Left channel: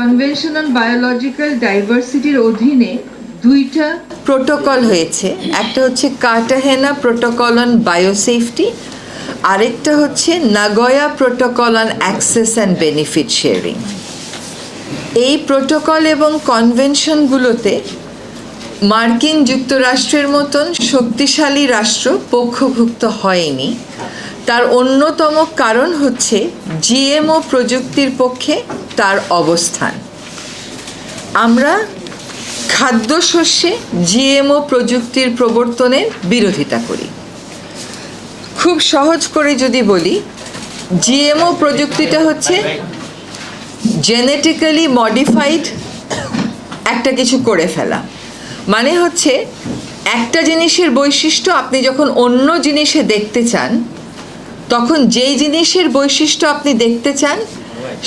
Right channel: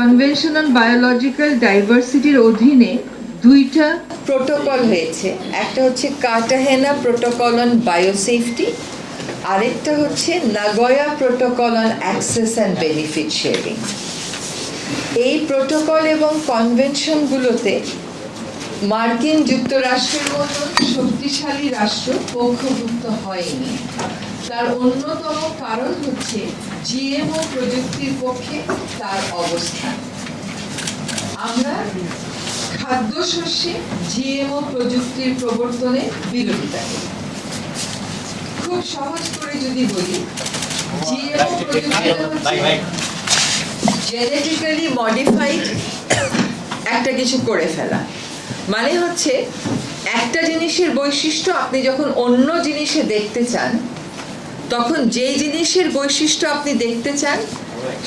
Convention on biological ডাইভার্সিটির অধীনে দুইটা protocol হয়েছে। একটা হচ্ছে কার্টাহেনা প্রোটোকল অন বায়োসেফটি, আরেকটা হচ্ছে Nagoya protocol on access and benefit sharing. এই প্রোটোকল এবং কনভেনশনগুলোতে মার্কিন যুক্তরাষ্ট্রের মতন শক্তিশালী রাষ্ট্র পক্ষভুক্ত হয়নি। তার অন্যতম কারণ হচ্ছে জিএমও প্রযুক্তির পক্ষে তার অবস্থান। আমরা খাদ্যশস্যে জিএমও প্রযুক্তির প্রবর্তনের বিরোধিতা করি। খুব সহজ করে যদি বলি, জিএমও প্রযুক্তিটা হচ্ছে জেনেটিক্যালি মডিফাইড একটা কিছু করে ফেলা। মানে হচ্ছে একটা জিনিসের বৈশিষ্ট্য আপনি যখন অন্য জিনিসে দেখতে চান, তখন যেই জিনিসের বৈশিষ্ট্য আপনি দেখতে চান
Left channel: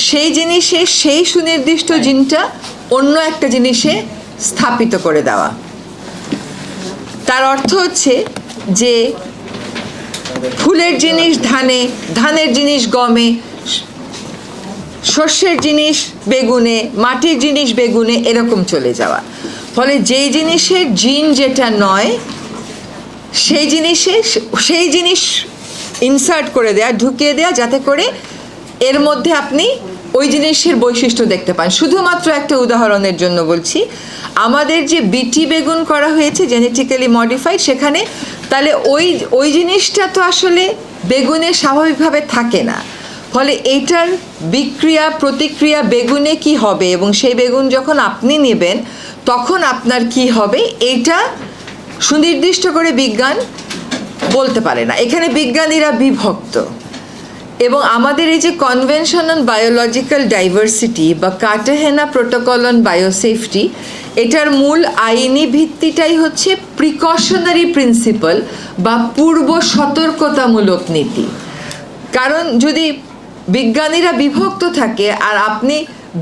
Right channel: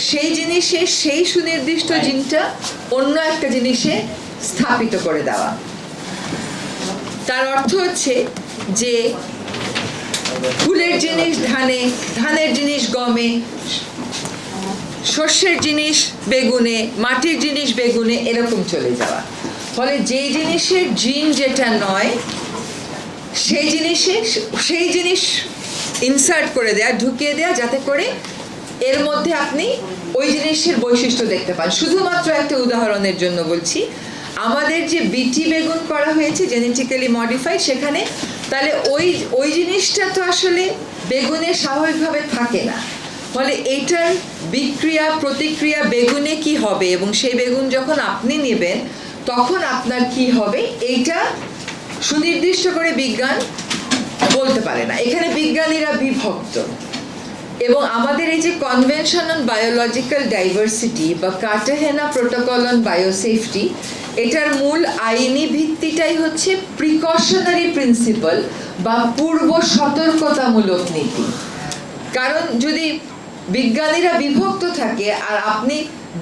সেই জিনিসে সেই সুনির্দিষ্ট জিনটা অন্য একটা জিনিসে স্থাপিত করে দেওয়া। তার অর্থ হচ্ছে যে ফুলের জিনিস ধানে, ধানের জিনিস গমে, শস্যের জিনিস বেগুনে, মাটির জিনিস বেগুনে, এরকম চলে যাওয়া। ফলে যেই জিনিসের জিন যেটা নয় সেই জিনিসে সেই জিনিস ইনসার্ট করে দেয়া, ঢুকিয়ে দেয়া, যাতে করে এর মধ্যে আপনি ওই জিনিসের বৈশিষ্ট্য দেখতে পান। শুধুমাত্র একটা উদাহরণের জন্য বলছি, আমাদের যে বিটি বেগুন করা হয়েছে জেনেটিক্যালি মডিফাইড, সেখানে তাহলে ওই জিনিসটা তো আসলে বেগুনে স্বাভাবিকভাবে থাকে না। ফলে এইটার বিক্রিয়া প্রতিক্রিয়া বেগুনে কি হবে এবং সেই বেগুন যখন আপনি নেবেন তখন আপনার কি হবে, এইটা সুনির্দিষ্ট করে বিজ্ঞান বলতে পারে না। এখানে বিজ্ঞানীরা বিভক্ত। এবং আমাদের এই যে কনভেনশন অন বায়োলজিক্যাল ডাইভার্সিটি বা কার্টাহেনা প্রোটোকল অন বায়োসেফটি, এটার মূল আইনি ভিত্তিটাই হচ্ছে প্রিকশনারি প্রিন্সিপাল বা পূর্ব সতর্কতামূলক নীতি। কারণ যদি বিজ্ঞানীরা বিভক্ত থাকে আর আপনি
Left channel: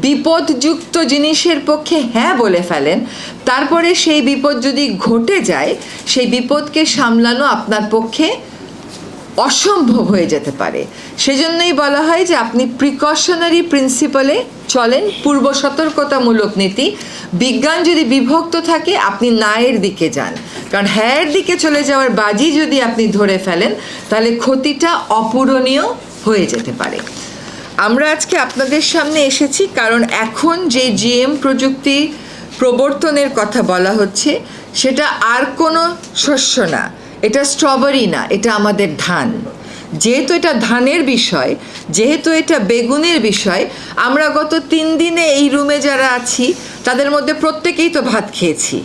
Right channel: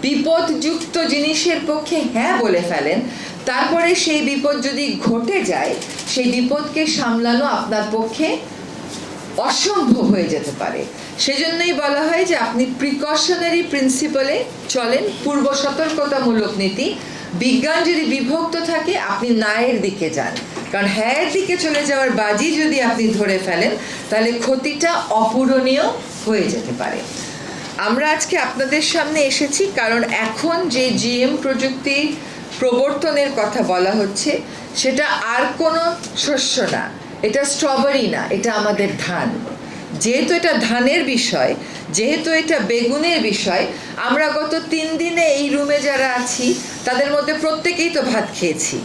বিপদযুক্ত জিনিসের পক্ষে হ্যাঁ বলে ফেলেন, তারপরে সেই বিপদ যদি ঘটে যায়, সেই বিপদকে সামলানো আপনার পক্ষে অসম্ভব হয়ে যেতে পারে। সেজন্যই বলা হয় যে আপনি প্রিকশনারি প্রিন্সিপালে চলেন, পূর্ব সতর্কতামূলক নীতি। বিজ্ঞান যদি বিভক্ত থাকে আপনি নায়ের দিকে যান, কারণ হ্যাঁর দিকে চলে যাওয়ার বাজি যদি আপনি ধরে ফেলেন তাহলে ক্ষতিটা অপূরণীয় হয়ে যেতে পারে। আমরা আজকে আপনাদের সামনে এসেছি কারণ এখন যে জিএম প্রযুক্তি প্রবর্তনের কথা বলা হচ্ছে সেটা আর কোনো শস্য না, এটা স্ট্রবেরি না, এটা আমাদের ধান। যেহেতু এটা ধানের বিষয়, যেহেতু এটা বেগুনের বিষয়, আমরা গত 3 দিনে এই রুমে যারা আছি তাদের মধ্যে প্রত্যেকেই তো ভাত খেয়েছি।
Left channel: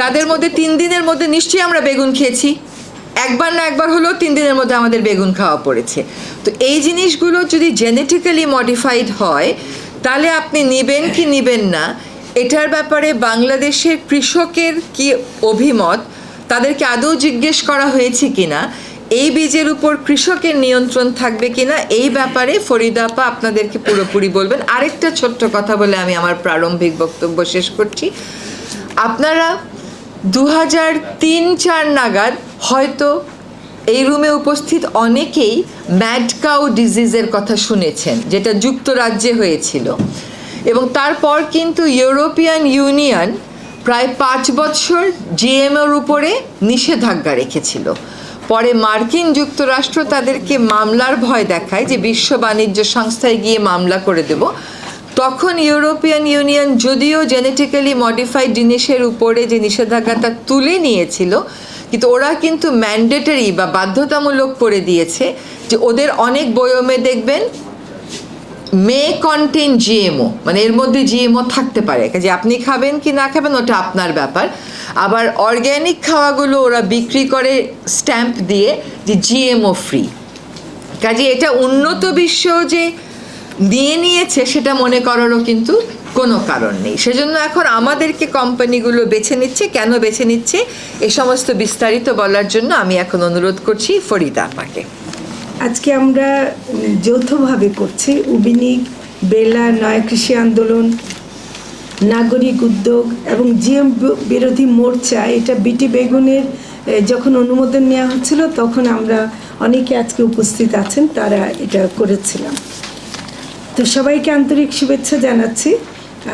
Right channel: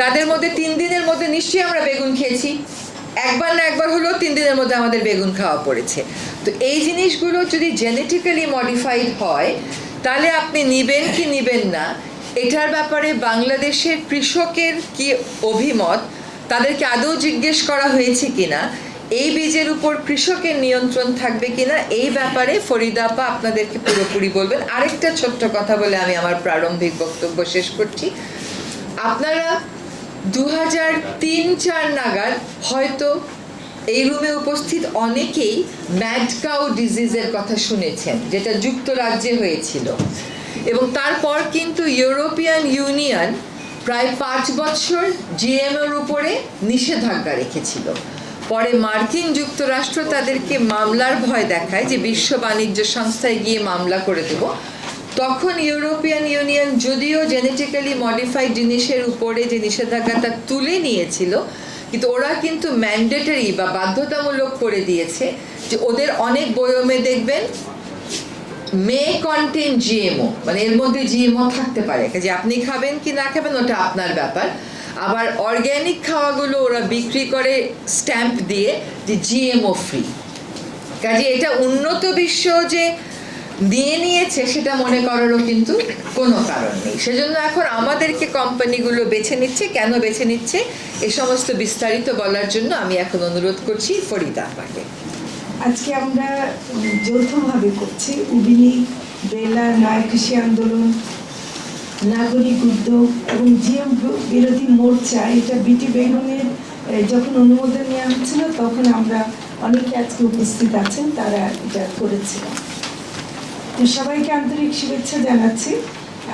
তাদের মধ্যে 3 দিনের মধ্যে নিশ্চয়ই আমরা বেগুন খেয়েছি, একবার না একবার হলেও 3 দিনের মধ্যে আমাদের বেগুন খাওয়া পড়েছে। তো এই জিনিসগুলো যদি জেনেটিক্যালি মডিফাইড হয় তাহলে আপনি নেবেন কি নেবেন না, এটার ব্যাপারে বাংলাদেশের কৃষকের কি অভিমত, তাদেরকে আদৌ জিজ্ঞেস করা হয়েছে কিনা, এই বীজের উপর কৃষকের নিয়ন্ত্রণ থাকবে কিনা, এই ব্যাপারে ফরিদা আপা আপনাদেরকে পুরোপুরি বলবেন। আরেকটা ছোট্ট কথা বলে আমি আমার প্রারম্ভিক বক্তব্য শেষ করছি। আপনারা 2003-04 নাগাদ হয়তো এই রুমে উপস্থিত অনেকেই ম্যাড কাউ ডিজিজের কথা শুনেছেন, যেটা যুক্তরাজ্যে হয়েছিল। এবং তারপর কিন্তু ইউরোপিয়ান ইউনিয়ন প্রায় 5 বছর জিএমওর উপরে নিষেধাজ্ঞা রেখেছিল। পরে মার্কিন যুক্তরাষ্ট্র তাদেরকে মামলার ভয় দেখায় যে বিশ্ব বাণিজ্য সংস্থায় গিয়ে মামলা করে দেব। তখন ইউরোপিয়ান ইউনিয়ন যদিও জেনেটিক্যালি মডিফাইড জিনিসের উপরে যে নিষেধাজ্ঞাটা তুলে নিয়েছিল, কিন্তু ওরা কিন্তু ম্যান্ডেটরি বা বাধ্যতামূলক করে দিয়েছে যে ওদের অনেক বয়মে দেখবেন মে কন্টেন জিএমও, মানে এর মধ্যে জিএমও থাকতে পারে, যে আপনি খাবেন কি না খাবেন ওটা আপনার ব্যাপার। আবার অর্গ্যানিক খাওয়াগুলো ওরা বিক্রি করে স্ট্যাম্প দিয়ে যে জিএমও ফ্রি। কাজে এটা উন্নত বিশ্ব যে নিয়ে নিয়েছে সেটা মনে করারও কিন্তু কোনো কারণ নেই। সেজন্য এখন আমাদেরকে কোম্পানিগুলো বেছে নিচ্ছে। কেন বেছে নিচ্ছে এ সমস্ত বিস্তারিত বলার জন্য আমি এখন অনুরোধ করছি ফরিদা আপাকে। আজকে আমরা যৌথভাবে করছি উবিনিক, বেলা, নয়া কৃষি আন্দোলন, নাগরিক উদ্যোগ এবং জিএম বিরোধী মোর্চা। এটা বিটি বেগুনের যখন অনুমোদন নেওয়া হচ্ছিল তখন আমরা অনেকে আজকে উপস্থিত আছেন, তারা এটা করেছিলাম। তো সবাইকে আন্তরিক শুভেচ্ছা জানাচ্ছি।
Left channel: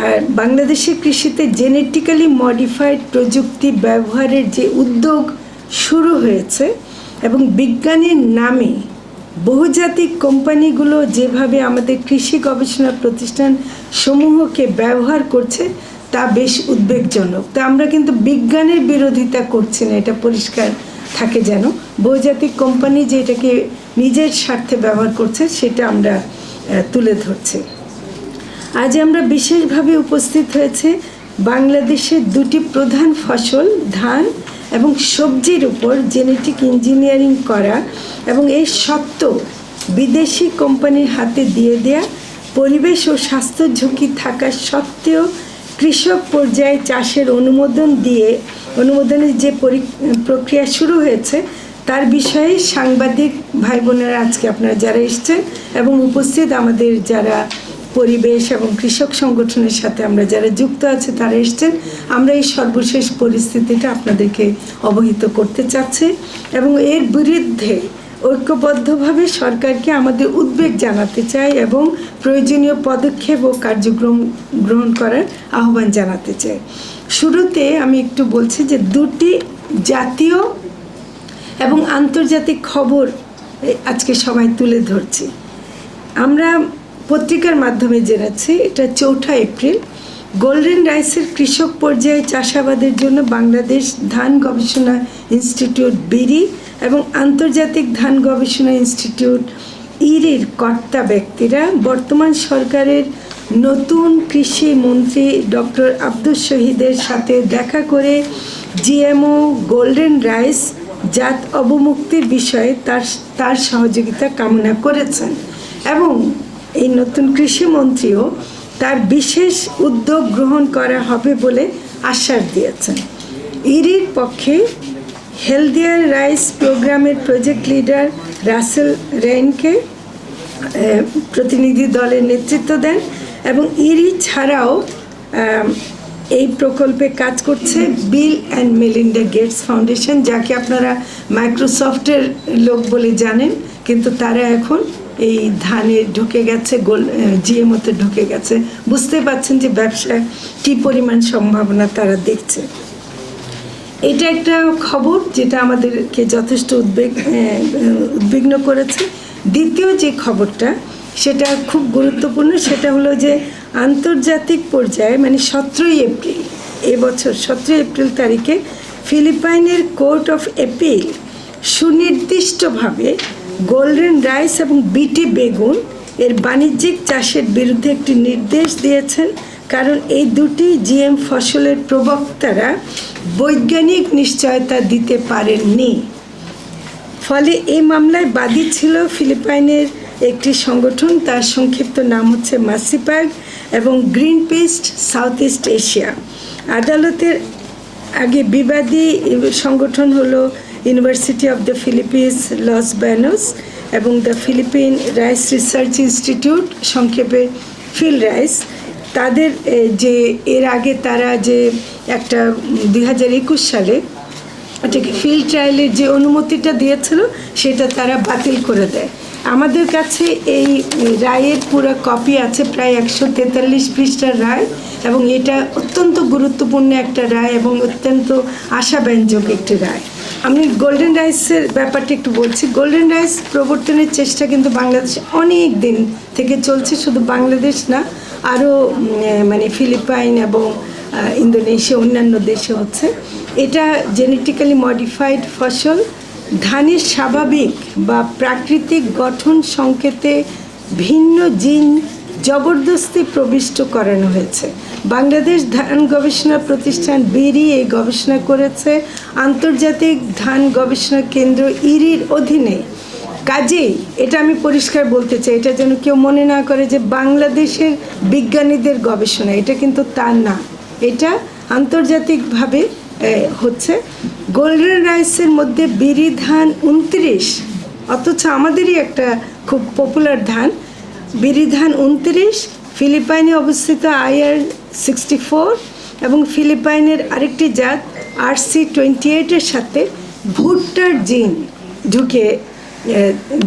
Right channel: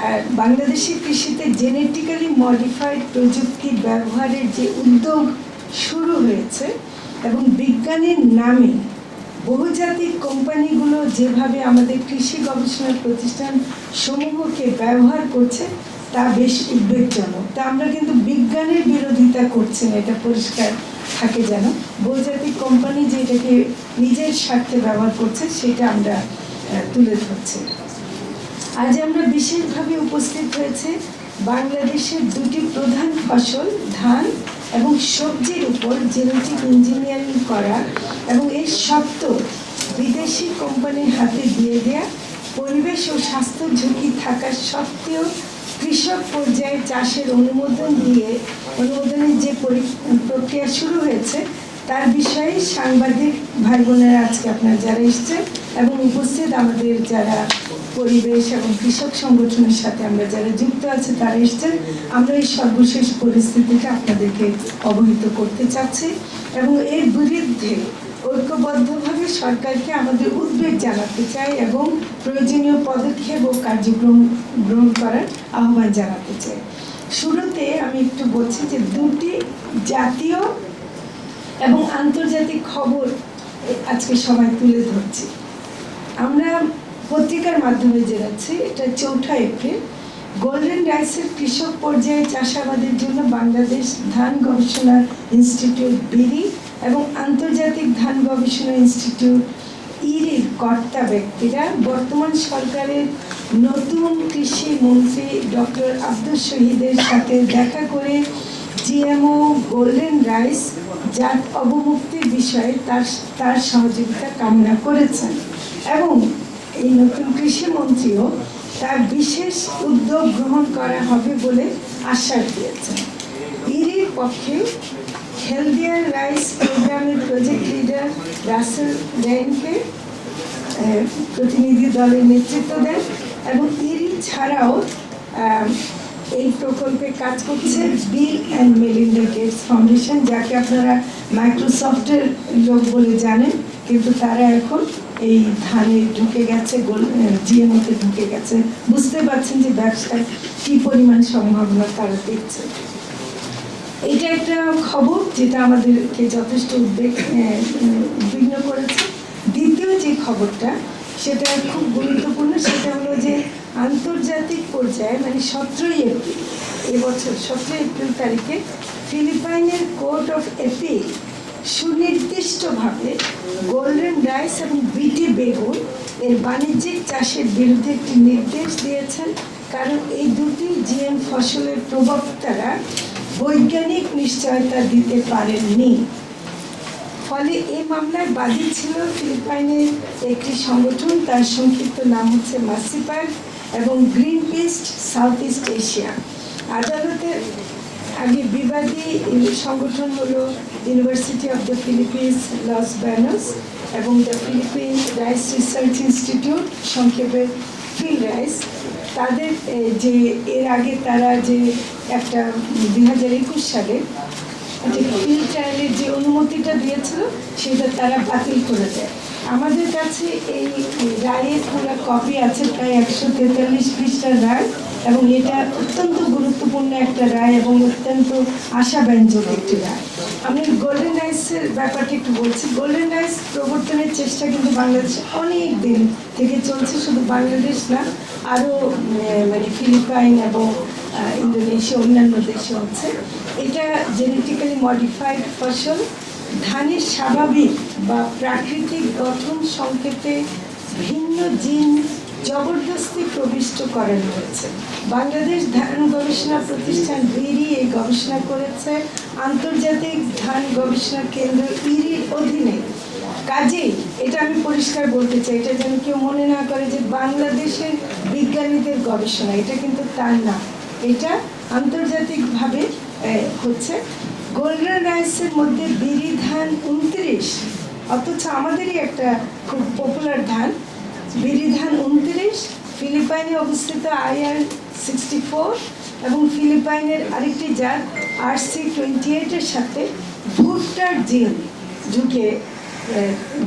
আর বাংলাদেশের কৃষিতে জেনেটিক্যালি মডিফাইড প্রযুক্তি ব্যবহারের যে উদ্যোগ শুরু হয়েছে এবং বিজ্ঞানীর নামে বহুজাতিক কোম্পানিগুলো যেভাবে আমাদের কৃষি গবেষণা প্রতিষ্ঠান সমূহকে ব্যবহার করছে তা বেশ উদ্বেগজনক। তা আমরা কিন্তু বিজ্ঞানের বিরোধিতা করছি না, এটা পরিষ্কার থাকে যেন। বহুজাতিক কোম্পানি যেটাকে নিজের স্বার্থে ব্যবহার করছে সেটা আমরা তুলে ধরছি। আজ আমরা বিশেষভাবে উপস্থিত হয়েছে বাংলাদেশের দুটি প্রধান ফসল ধান এবং সবজির উপর জেনেটিক ইঞ্জিনিয়ারিং করা এবং এর সত্ত্বেও বিদেশি কোম্পানির হাতে দিয়ে দেয়া, পরিবেশ ও স্বাস্থ্য ঝুঁকি থাকা সত্ত্বেও কৃষক পর্যায়ে চাষের অনুমোদনের যে প্রক্রিয়া শুরু হয়েছে তার বিষয়ে সাংবাদিক ভাই বোনেরা আজকে আপনারা যারা এসছেন এবং উপস্থিত আমাদের যারা পরিবেশ এবং কৃষক সংগঠনের সাথে আমরা যারা যুক্ত আছে তারা এসছেন, আমরা এই সর্বশেষ পরিস্থিতিটা আপনাদেরকে অবহিত করতে চাচ্ছি এবং এর বিরুদ্ধে ঐক্যবদ্ধভাবে সরকারকে আমাদের উদ্বেগ জানাতে চাই এবং প্রয়োজনীয় পদক্ষেপ ও কার্যক্রম গ্রহণ করার আহ্বান জানাতে চাই। শুরুতে আমি একটু বলছি যে দুটি জাতীয় এবং আন্তর্জাতিক খবর আজকে সবাই তুলে ধরছি। আমরা পত্রিকার মাধ্যমে জেনেছি এটা 4 এপ্রিল গোল্ডেন রাইসের কৃষক পর্যায়ে চাষাবাদের জন্য বাংলাদেশ ধান গবেষণা ইনস্টিটিউট বিডি এবং আন্তর্জাতিক ধান গবেষণা ইনস্টিটিউট ইরির কর্তা ব্যক্তিরা বর্তমান সরকারের নতুন কৃষি মন্ত্রী ডক্টর আব্দুস শহীদের সাথে দেখা করে জিএমও গোল্ডেন রাইস জাত অবমুক্তির বিষয়ে তার সহযোগিতা কামনা করেছেন এবং এই নতুন কৃষিমন্ত্রীও তার বিশেষ উদ্যোগ গ্রহণ করা হবে বলে আশ্বাস দিয়েছেন। ইরির পক্ষে হেলদিয়ার রাইস প্রোগ্রামের প্রজেক্ট লিডার রাসেল রেইনকে প্রতিনিধি দলের নেতৃত্ব দেন এবং ইরি ছাড়াও এই প্রকল্পে কাজ করছে Bill and Melinda Gates foundation, যাকে আপনারা মাইক্রোসফটের লোক বলে জানেন, কিন্তু তারা এখন এই ধানে ঢুকে গেছে, জিএমওতে ঢুকে গেছে। বুঝতে পারছেন যে ব্যবসায় কী পরিমাণ সম্ভাবনা তারা দেখছে। এটা একটা খবর যেটা আমাদেরকে যথেষ্ট উদ্বিগ্ন করেছে। দ্বিতীয় যে খবরটা সেটা খুব গুরুত্বপূর্ণ, সেটা হলো যে আন্তর্জাতিক পর্যায়ে মানে 17 এপ্রিল এবছর 17 এপ্রিল তারিখে ফিলিপাইনের কোর্ট অফ অ্যাপিল সুনির্দিষ্টভাবে গোল্ডেন রাইস এবং বিটি বেগুন এর বাণিজ্যিক চাষের বিরুদ্ধে একটি নির্দেশ দিয়েছেন, কারণ এই দুটি জিএম ফসলের প্রবক্তারা বৈজ্ঞানিক নিশ্চয়তা দিতে পারেননি। ফলে এই মামলায় বাদী ছিল ফিলিপাইনের একটি সংগঠন, তার সংক্ষিপ্ত নাম হচ্ছে মাসিপ্যাগ এবং Greenpeace Southeast Asia. আদালতের আগে বিবাদী সংগঠন হলো University of the Philippines Los Banos এবং the Philippine Rice Research Institute, সংক্ষেপে ফিল রাইস। তাদের যে এর আগে তারা যে একটা 2021 সালে এটাকে ফিল্ড ট্রায়ালের যে অনুমতিটা দিয়েছিল সেটা তারা বাতিল করে দেয়। আমাদের কাছে এই রায়ের পুরো কপি আছে, প্রায় 143 পৃষ্ঠার রায়, এবং এটা অত্যন্ত গুরুত্বপূর্ণ একটা রায় এবং অত্যন্ত আশাব্যঞ্জক একটি রায়। আমি গোল্ডেন রাইসের ব্যাপারটা একটু বলছি। গোল্ডেন রাইস প্রবর্তনের চেষ্টা কিন্তু বাংলাদেশে অনেক দিন থেকে চলছে, শুধু বাংলাদেশ না, আরও মানে ফিলিপাইন এবং ইন্দোনেশিয়া অন্যান্য দেশে হচ্ছে। এটা জেনেটিক্যালি মডিফাইড ফসল ধানের স্বাভাবিক বা প্রাকৃতিক গঠন সংকেতে ভিন্ন জিন জবরদস্তি প্রবিষ্ট করানো হয়েছে। বাংলাদেশ ধান গবেষণা প্রতিষ্ঠান বিডি এই গবেষণা করেছে আন্তর্জাতিক ধান গবেষণা কেন্দ্র ইরির অধীনে। কাজেই এটা আমি পরিষ্কার বলতে চাই, এটা যেন কেউ মনে না করে যে বাংলাদেশের বিজ্ঞানীদের গবেষণা, এটা কিন্তু তা না, এটা আন্তর্জাতিকভাবে হচ্ছে। গোল্ডেন রাইসের মধ্যে বিরি ধান 29, অথচ আমাদেরই একটা খুব পপুলার ধান বিরি ধান 29, ফিলিপাইনে অবস্থিত IR64 এবং ফিলিপাইনের আরেকটি জাত RC28 সাথে ভুট্টার জিন ঢুকে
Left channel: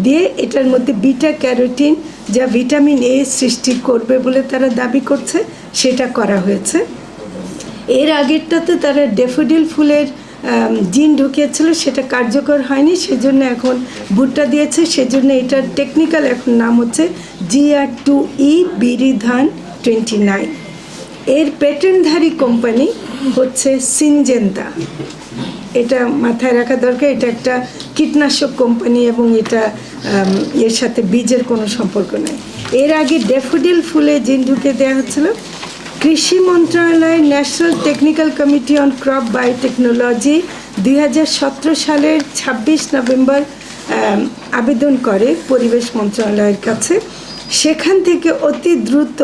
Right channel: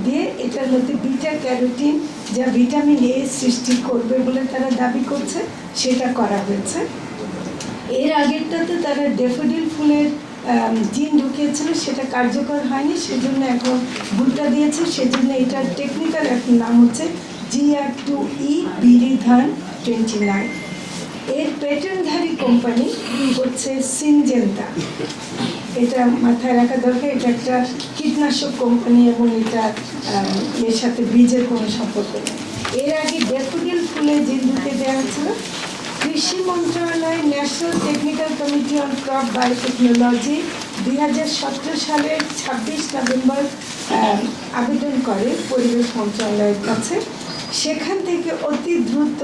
দিয়ে এটার মধ্যে বিটা ক্যারোটিন যা ভিটামিন এ সৃষ্টি করবে বলে তারা দাবি করছে, সেটা করা হয়েছে। এর আগেরটাতে তারা ড্যাফোডিল ফুলের জিন ঢুকিয়েছিল, সেটা কার্যকর হয়নি, সেজন্য এখন ভুট্টা দিয়েছে, সেজন্য এটার টেকনিক্যাল এখন নাম হচ্ছে GR2E বিরিধান 29। এর পেটেন্টধারী কোম্পানি হচ্ছে সিনজেন্তা। এটা মাথায় রাখা দরকার, এটা একটা কীটনাশক কোম্পানি এবং এটা এর সাথে বীজের কোনো সম্পর্ক নেই। এর আগে ড্যাফোডিল ফুলে জিন ঢুকে দেওয়া হচ্ছিল। কৃষি মন্ত্রণালয় national technical committee on crop biotechnology 2017 সালের 26 নভেম্বর আবেদন করে পরিবেশ মন্ত্রণালয়ের কাছে। সেখান থেকে অতি দ্রুত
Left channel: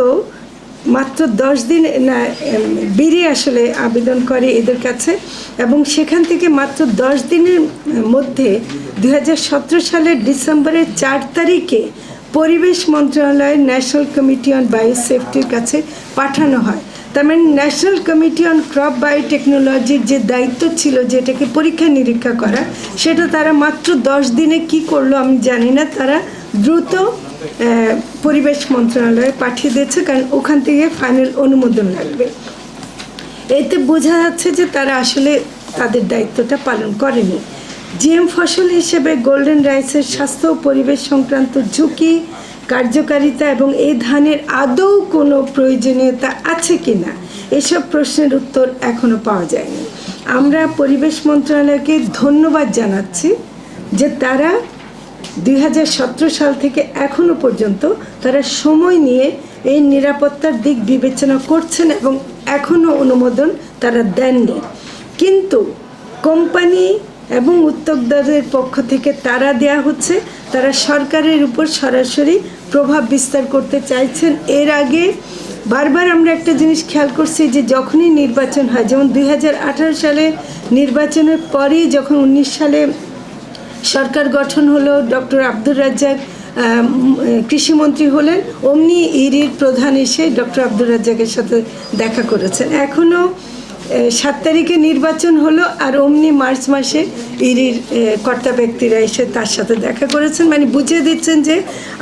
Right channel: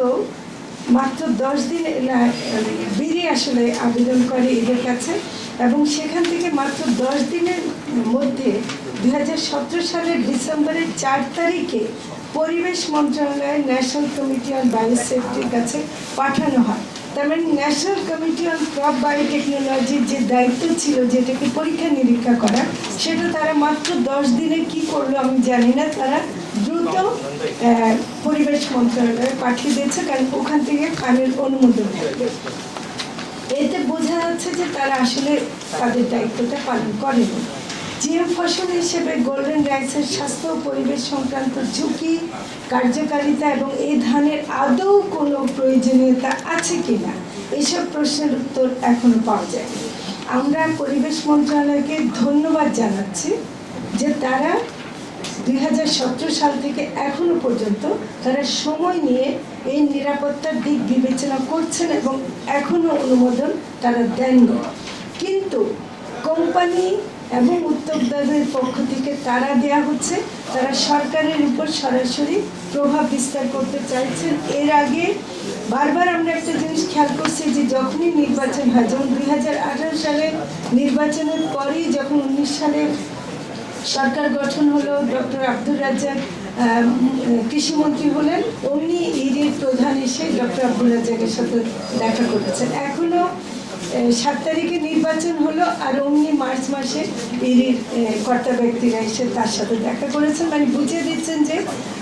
মাত্র 10 দিন বিরি আসলে আবেদন করে এদের কাছে, এবং সেখান থেকে মাত্র 10 দিনের মধ্যে 2017 সালের ডিসেম্বরের 4 তারিখে পরিবেশ মন্ত্রণালয়ের ন্যাশনাল কমিটি অন বায়োসেফটির কাছে পাঠানো হয়। তার মানে ন্যাশনাল কমিটি অন ক্রপ বায়োটেকনোলজির যে দায়িত্ব ছিল যেটাকে পরীক্ষা নিরীক্ষা করা, সেটা তারা মাত্র 10 দিনে কি করলো আমি জানি না, তারা দ্রুত পরিবেশ মন্ত্রণালয়ে পাঠিয়ে দিয়েছে, কারণ ওখান থেকে ফাইনাল অনুমোদন লাগবে। এতে বোঝা যাচ্ছে যে তারা আসলে তাদের দায়িত্বটা পালন করেনি। জিএম ফসল হিসেবে গোল্ডেন রাইসের স্বাস্থ্য ও পরিবেশ সংক্রান্ত ঝুঁকি, কার্যকারিতা এবং এই ধানের আদৌ কোনো প্রয়োজনীয়তা আছে কি না, এসব প্রশ্নের উত্তর এখনও পাওয়া যায়নি। আমরা পরিবেশ মন্ত্রণালয়কে ধন্যবাদ জানাচ্ছি যে তারা 2017 সাল থেকে এখনও পর্যন্ত তারা সময় নিয়ে এই নিরাপত্তার দিক বিবেচনা করছেন এবং এখনও অনুমোদন তারা দেননি। কিন্তু কোম্পানি এবং উদ্যোক্তাদের পক্ষ থেকে তারা দেয়া হচ্ছে, তারা সরকারের উপর সরাসরি প্রভাব বিস্তার করতে চাইছেন। এর আগে বারবার আমরা একটা জিনিস খেয়াল করছি যে যখনই নির্বাচন হয়, যেমন 2018 সালে নির্বাচনের পরেই যখন 19 সালে সরকার গঠন হলো, ডক্টর আব্দুর রাজ্জাক কৃষিমন্ত্রী হলেন, অমনি ইরির প্রধান এসে ডক্টর আব্দুর রাজ্জাকের সাথে দেখা করেছেন। এখনও 7 তারিখে নির্বাচন হলো আর অমনি মার্চ মাসে ইরির কর্তা ব্যক্তিরা এসে তার সাথে দেখা করেছেন, মানে বুঝিয়ে দিচ্ছেন যে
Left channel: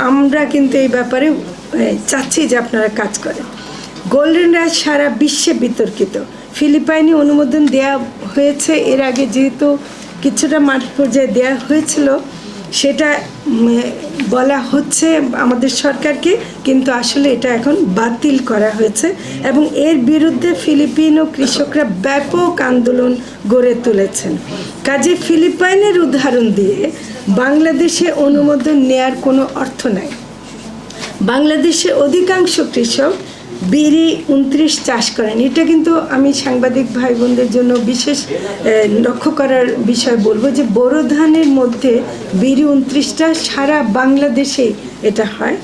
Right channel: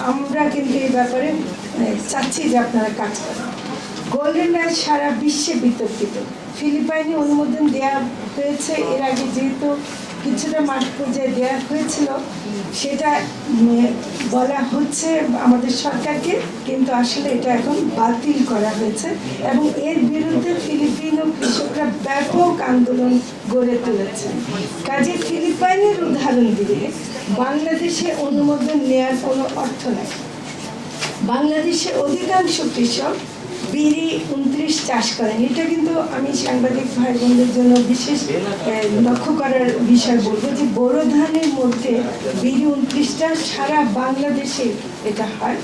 আমরা কিন্তু এই ব্যাপারে চাচ্ছি যে আপনারা কাজ করেন। গোল্ডেন রাইস সারা বিশ্বে বিতর্কিত। ফিলিপাইনে অনুমোদন দেওয়া হয়েছে, এর আগে যেহেতু কিছুটা মাঠ পর্যায়ে দেওয়া হয়েছিল, সেটা বলা হচ্ছে আমাদের সরকারকে, কিন্তু আসলে এটা এখন বাতিল করা হয়েছে এবং এর বিরুদ্ধে ফিলিপিনো কৃষকরা ব্যাপক আন্দোলন গড়ে তুলেছেন। কাজে ফিলিপাইনের উদাহরণ দিয়ে বাংলাদেশে অনুমোদন নেয়ার কোনো অর্থ নাই। বাংলাদেশে অধিকাংশ কৃষক বিরি 29 চাষ করেন। এটা কিন্তু আমি সাংবাদিক ভাই বোনদের জন্য বিশেষ লক্ষ্য করার বিষয় বলবো যে বোরো ধানের মধ্যে বিরি 29টা সারা বাংলাদেশে এটা হয়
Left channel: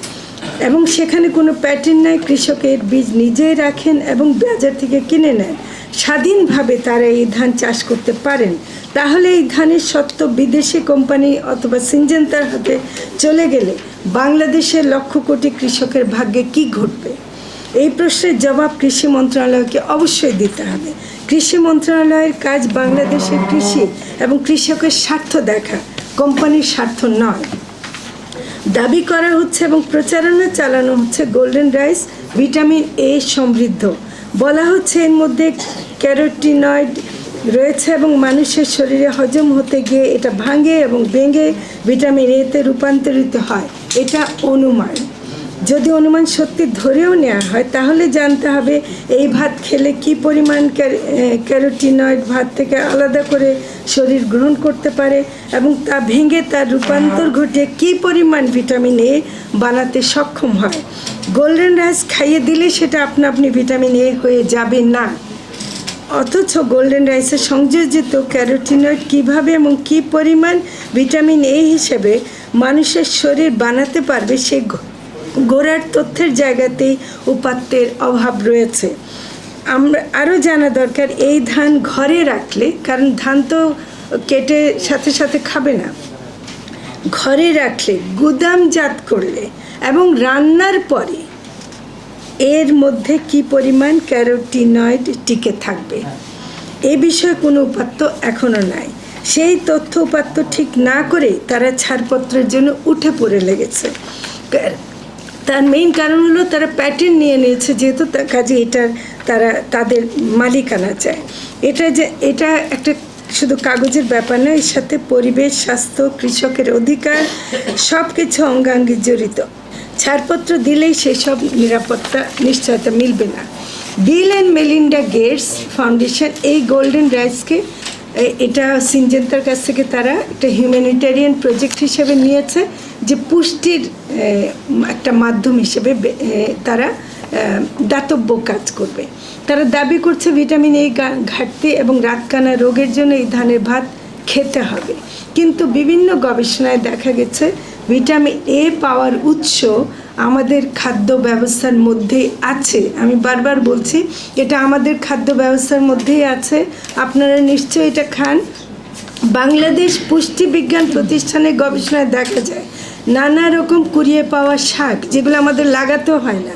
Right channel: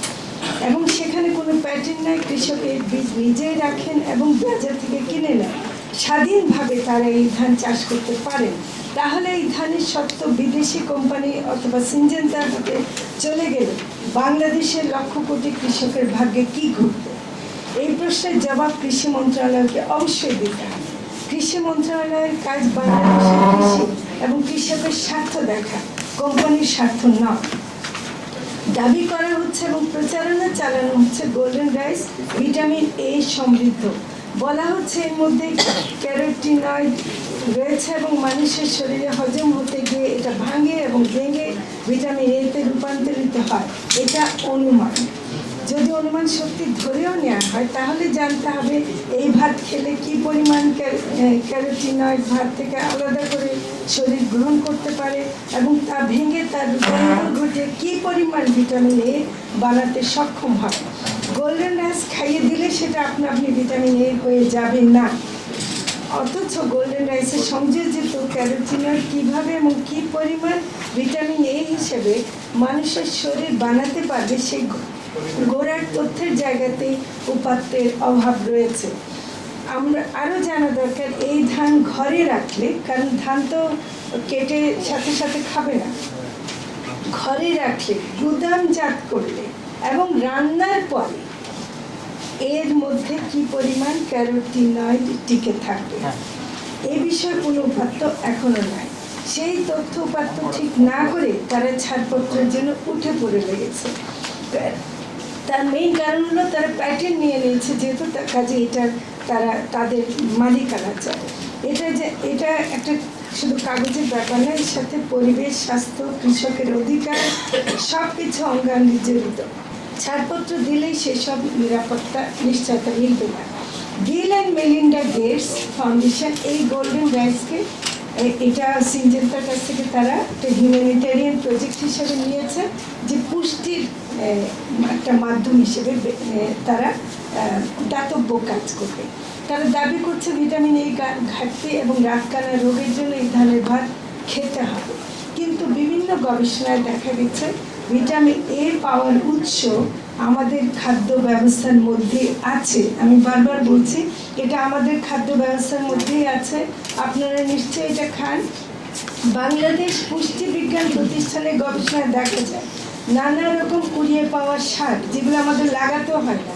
এবং সেখানে কোনো প্যাটার্ন নাই। কৃষকের বীজ নিজেই রাখেন এবং বাজার থেকে কিনে নেন, স্বাধীনভাবে তারা এই ধান চাষ করতে পারেন। তাহলে এই ধানের সত্ত্ব বিদেশি কোম্পানি অথবা সিনজেন্তার হাতে চলে গেলে বাংলাদেশের লক্ষ কোটি কৃষকের ভাগ্যে কি ঘটবে? এই প্রশ্নের জবাব কৃষি মন্ত্রণালয়কে অবশ্যই দিতে হবে। কৃষি মন্ত্রণালয়ের কাজ বাংলাদেশের কৃষি এবং কৃষকের স্বার্থ দেখা, কোম্পানির স্বার্থ নয়। দাবি করা হচ্ছে এবং প্রচারণা চালানো হচ্ছে গোল্ডেন রাইস ভিটামিন এ সমৃদ্ধ। বলা হচ্ছে এর মধ্যে ক্যারোটিনয়েড রয়েছে এবং মানুষের শরীরে হজম হতে গিয়ে এটা ভাঙে এবং ভেঙে ভিটামিন এতে রূপান্তরিত হয়। এটা অনুমান। যদি অনুমান সত্যি ধরেও নেওয়া হয় তাহলে জানতে হবে এই ভাত খেলে কি পরিমাণ ক্যারোটিনয়েড ভাত থেকে আলাদা করে শরীর গ্রহণ করতে পারে এবং তা ভেঙে তার রূপান্তর ঘটিয়ে কি পরিমাণ ভিটামিন এ বানাতে সক্ষম হয়। গোল্ডেন রাইস খাইয়ে দিলে সেটা আপনি ভিটামিন এ হয়ে যাবে না। অথচ গোল্ডেন রাইসে সংযোজিত ক্যারোটিনয়েড কীভাবে এবং কী পরিমাণ ভিটামিন এ হিসেবে মানুষের শরীর বানাতে পারবে সেই গোড়ার তথ্যের জায়গাতেই উপাত্তের অভাব রয়েছে। আমরা আরও জানা দরকার এই ধান ঘরে রাখলে, কারণ ধান তো কেটে সাথে সাথে খাবে না, ঘরে রাখলে গুদামজাত করলে এবং রান্নার পরে এর মধ্যে কি পরিমাণ ক্যারোটিনয়েড টিকে থাকবে এ বিষয়ে কোনো উপাত্ত এখনও নাই। সেই তথ্য উপাত্ত ঠিক না করে তারা ছাড়পত্রের জন্য উঠে পড়ে লেগেছে। তার মেইন কারণ হলো তারা প্যাটেন্ট নিয়ে নিয়েছে, যেহেতু কাজে এটার তারা তাদের মালিকানা চায়। এটা একটা শুধু কাগজের ব্যাপার নয়, এর সাথে পরিবেশ, স্বাস্থ্য, কৃষকের অধিকার সব কিছু অঙ্গাঙ্গি জড়িত। ছাড়পত্র দিলেই সেসব নিরাপত্তা নিশ্চয়তা মিলবে না। Bill and Melinda Gates foundation এই গোল্ডেন রাইসকে, এটা সিনজেন্তার কাছ থেকে তারা একটা হিউম্যানিটেরিয়ান প্রজেক্ট হিসেবে নিয়েছে, যে পুষ্টির একটা মাধ্যম হিসেবে তারা দাতব্য কাজ করবে। তারা দাবি করছে ভিটামিন এ ঘাটতি এবং রাতকানা রোগের জন্য এই ধানের ভাত খেতে হবে। কিন্তু বিভিন্ন গবেষণায় দেখা গেছে ভিটামিন এ পাওয়ার উৎস আমাদের খাদ্য ব্যবস্থার মধ্যেই আছে। আমি বারবার বলছি এটা আমাদের খাদ্য ব্যবস্থার মধ্যেই আছে, আপনারা নিশ্চয়ই এটা খান। বাংলাদেশ পুষ্টি বিজ্ঞান প্রতিষ্ঠানের গবেষণায় দেখা যায় নানা রকম কুড়িয়ে পাওয়া শাক, যেগুলো আমাদের লাগাতেও হয় না,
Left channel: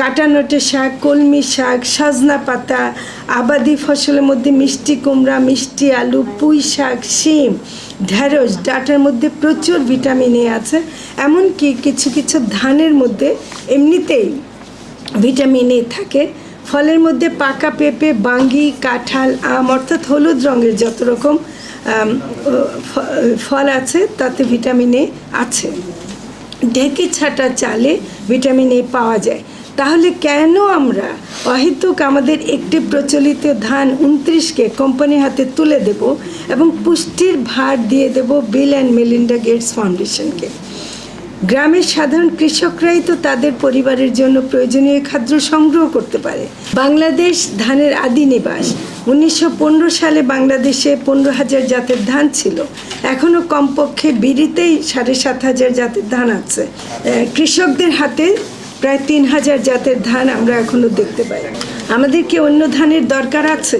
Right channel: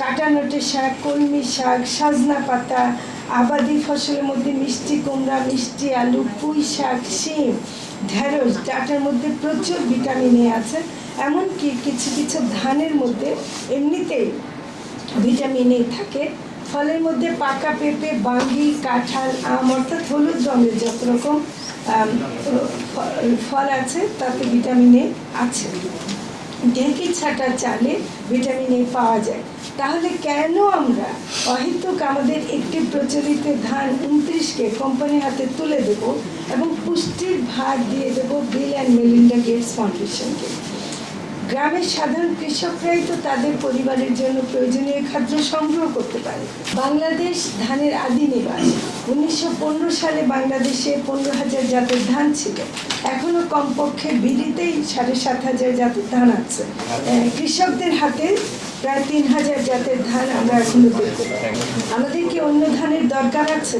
কাটানোটে শাক, কলমি শাক, সজনা পাতা, আবাদি ফসলের মধ্যে মিষ্টি কুমড়া, মিষ্টি আলু, পুঁই শাক, শিম, ঢেঁড়স, ডাঁটার মধ্যে প্রচুর ভিটামিন এ আছে। এমনকি কিছু কিছু ধানের মধ্যে এমনিতেই ভিটামিন এ থাকে। ফলের মধ্যে পাকা পেঁপে, বাঙ্গি, কাঁঠাল, আম অর্থাৎ হলুদ রঙের যত রকম ফল আছে তাতে ভিটামিন এ আছে। ঢেঁকি ছাটা চালে ভিটামিন এ পাওয়া যায়। তাহলে কেন আমরা অহেতুক আমাদের একটি প্রচলিত ধান 29কে কোম্পানির হাতে তুলে দেব এবং পুষ্টির ভার দিয়ে দেব বিল অ্যান্ড মেলিন্ডা গেটস ফাউন্ডেশনকে? গ্রামের সাধারণ কৃষকরাই তো তাদের পরিবারের জন্য প্রয়োজনীয় খাদ্য সংগ্রহ করতে পারে। বাংলাদেশ ধানের আদি নিবাস। 1915 সালে বাংলাদেশে 15,000 জাতের ধান ছিল। এখনও কমপক্ষে বিড়িতেই 7,500 জাতের ধান আছে। কৃষকদের হাতে প্রায় 3,000 জাতের ধান আমরা এখনও দেখতে পাই। আমাদের কি অন্য ধানের দরকার আছে?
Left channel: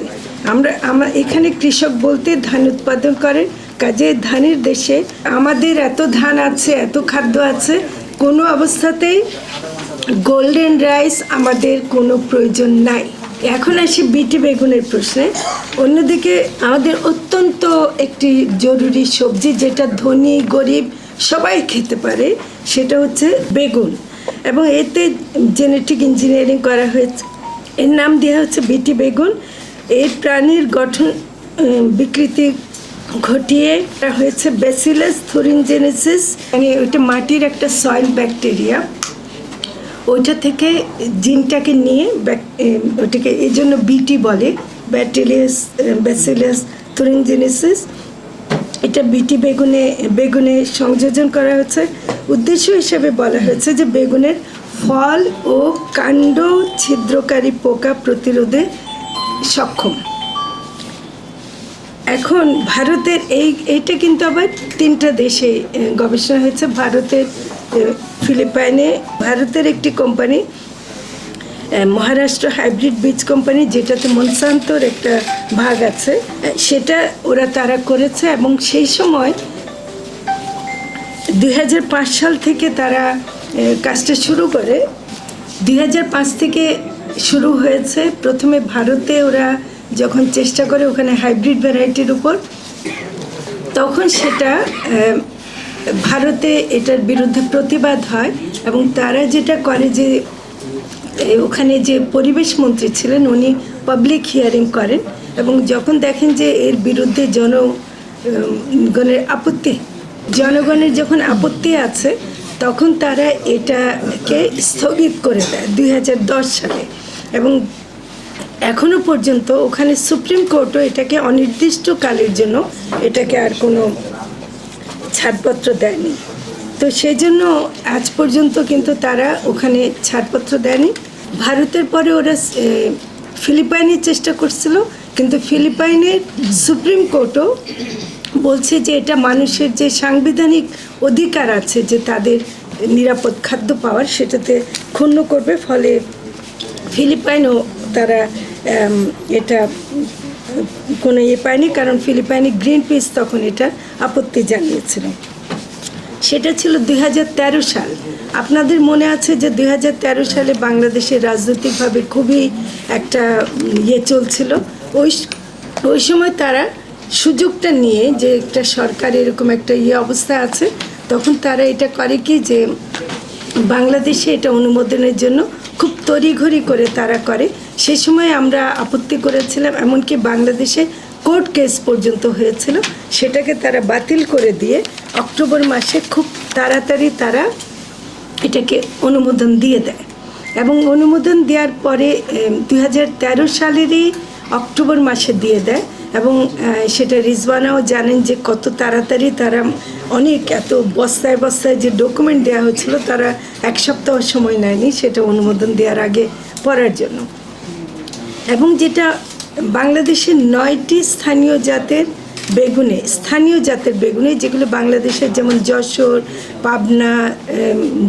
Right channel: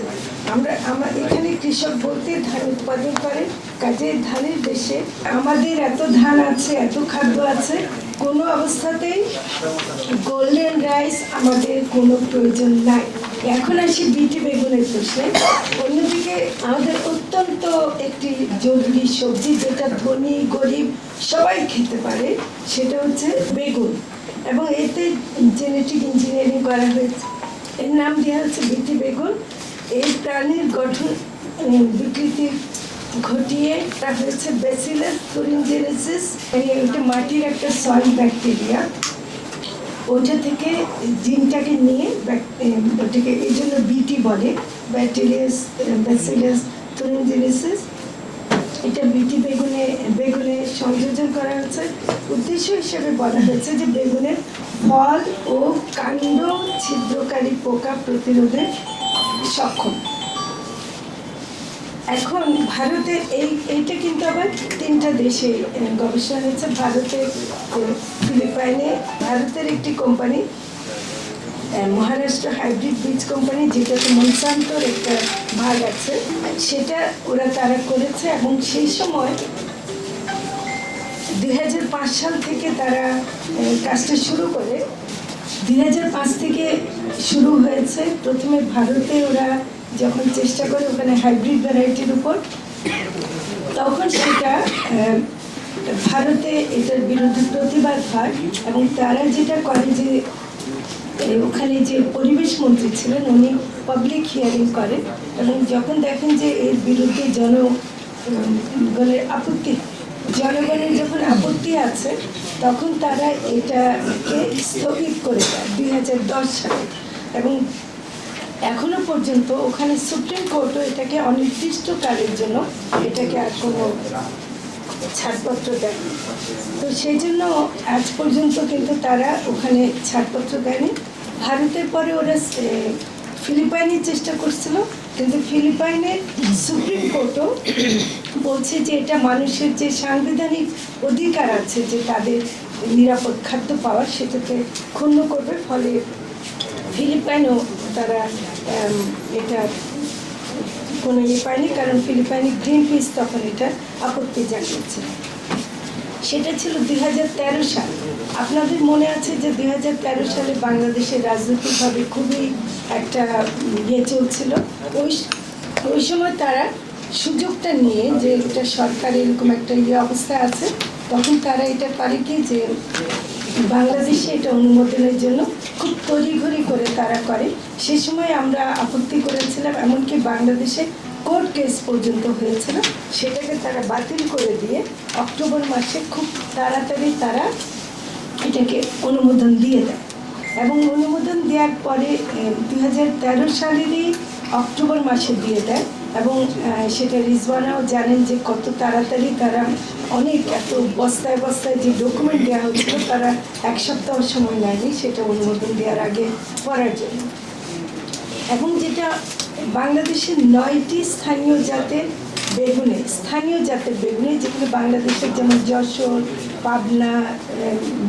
আমরা এখানে কৃষক বলতে ধান উৎপাদন করেন, কাজে ধানের দেশে আমাদের এত ধান আছে, এত খাদ্য আছে, কোনো অবস্থাতেই গোল্ডেন রাইস আমাদের কোনো প্রয়োজন নাই। এখন আসি বিটি বেগুনের প্রশ্নে। অন্যদিকে আমাদের অত্যন্ত একটি জরুরি সবজি, যেটা ধনী গরিব সবাই খেতে পারে, সেটা হচ্ছে বেগুন। এবং এতে জেনেটিক ইঞ্জিনিয়ারিং করা হয়েছে, এর নাম দেওয়া হচ্ছে বিটি বেগুন। এর প্রাণীর গঠন বিকৃতি ঘটিয়ে হয়েছে ব্যাসিলাস থুরিনজেনেসিস, মানে ওইটা মাটির একটা সয়েল ব্যাকটেরিয়া, ওইটা থেকে জিনটাকে নিয়ে ওইটাকে এই জন্য বিটি বলে, ব্যাসিলাস থুরিনজেনেসিস। এটা বিটি বেগুনে সংযোজন করা হয়েছে। উদ্দেশ্য হিসেবে বলা হয়েছে যে বেগুনের ফল ও কাণ্ড ছিদ্রকারী পোকা প্রতিরোধে সক্ষম। এখন ভারতের এইটা কিন্তু আবার 3টা দেশে গবেষণা হয়েছে। ভারতের ফিলিপাইনে ভারতের একটি কোম্পানি, মহারাষ্ট্র হাইব্রিড বীজ কোম্পানি, যেটাতে মনসান্তোর একটা ভাগ আছে, সেটা তারা করেছে। এবং সেই সময় 2005 সাল থেকে তারা কাজটা শুরু করে। 2005 থেকে শুরু হয়েছে। প্রথমে ভারতে ওরা যখন চেষ্টা করে ওখানে হাইব্রিড ভ্যারাইটির উপর, তখন সেটা ভারতে এটার বিরুদ্ধে প্রতিবাদ হয়। এবং তারা যেটা করে যে ওখানে যে পরিবেশ মন্ত্রী ছিলেন উনি পাবলিক হিয়ারিং করেন, এবং যখন দেখেন যে এর বিরুদ্ধে জনগণের যখন আপত্তি আছে, তখন তারা এটাকে স্থগিত করে দেয় 2010 সালে। এবং এখনো পর্যন্ত ওখানে সুপ্রিম কোর্টও এটাকে অনির্দিষ্টকালের জন্য এটাকে আর কোনো ছাড়পত্র দেয়নি। তো সেই জন্য আজ পর্যন্ত কিন্তু তারা ওখানে ছাড়পত্র দেয়নি। ভারতের পরে ওরা ফিলিপাইনের চেষ্টা করছিল, কিন্তু ফিলিপাইনের সুপ্রিম কোর্টও বলছে যে এটা মানুষের যে সাংবিধানিক অধিকার আছে যে তাদের নিরাপদ খাদ্য পাওয়ার, সেটাতে ক্ষুণ্ণ করবে। ফলে ফিলিপাইনও তারা এটা কোনো পায়নি, কারণ ফিলিপাইনি গ্রিন পিস তখন এটা আপত্তি জানিয়েছিল। সেটা ছিল 2013 সাল। আপনাদের মনে আছে যে 2013 সালে বাংলাদেশে রাজনৈতিকভাবে খুবই একটা চলছিল। ওই সময় তারা সুযোগটা নিয়ে যে একটা সরকার এরকম একটা অবস্থা আছে, তখন তারা এটা করে কি যে বাংলাদেশে এটা অনুমোদনের জন্য খুব তড়িঘড়ি করে তারা করে। সেই সময় আমরা আপত্তি করেছিলাম, এমনকি বাংলাদেশে কোর্ট কেস পর্যন্ত হয়েছিল, সেটাকে তারা বাতিল করে দিয়ে অক্টোবর মাসে খুব তাড়াতাড়ি তারা এটাকে অনুমোদন দিয়ে দেয়। এবং অনুমোদন দেওয়ার পরে 2013 সালেরই অক্টোবর মাসে দিয়ে দেয়। এবং সেটা রিজওয়ানাও জানেন যে কত তাড়াতাড়ি তারা অনেক এত বস্তায় বস্তায় যে ডকুমেন্ট দেওয়া হচ্ছিল, তারা এক সপ্তাহ সময় নেয়নি সেটা অনুমোদন দেওয়ার আগে পড়ার জন্য। এবং যেটা বাংলাদেশের 9টি স্থানীয় জাতের বেগুনে যেগুলো বাংলাদেশের যেমন যশোর, পাবনা,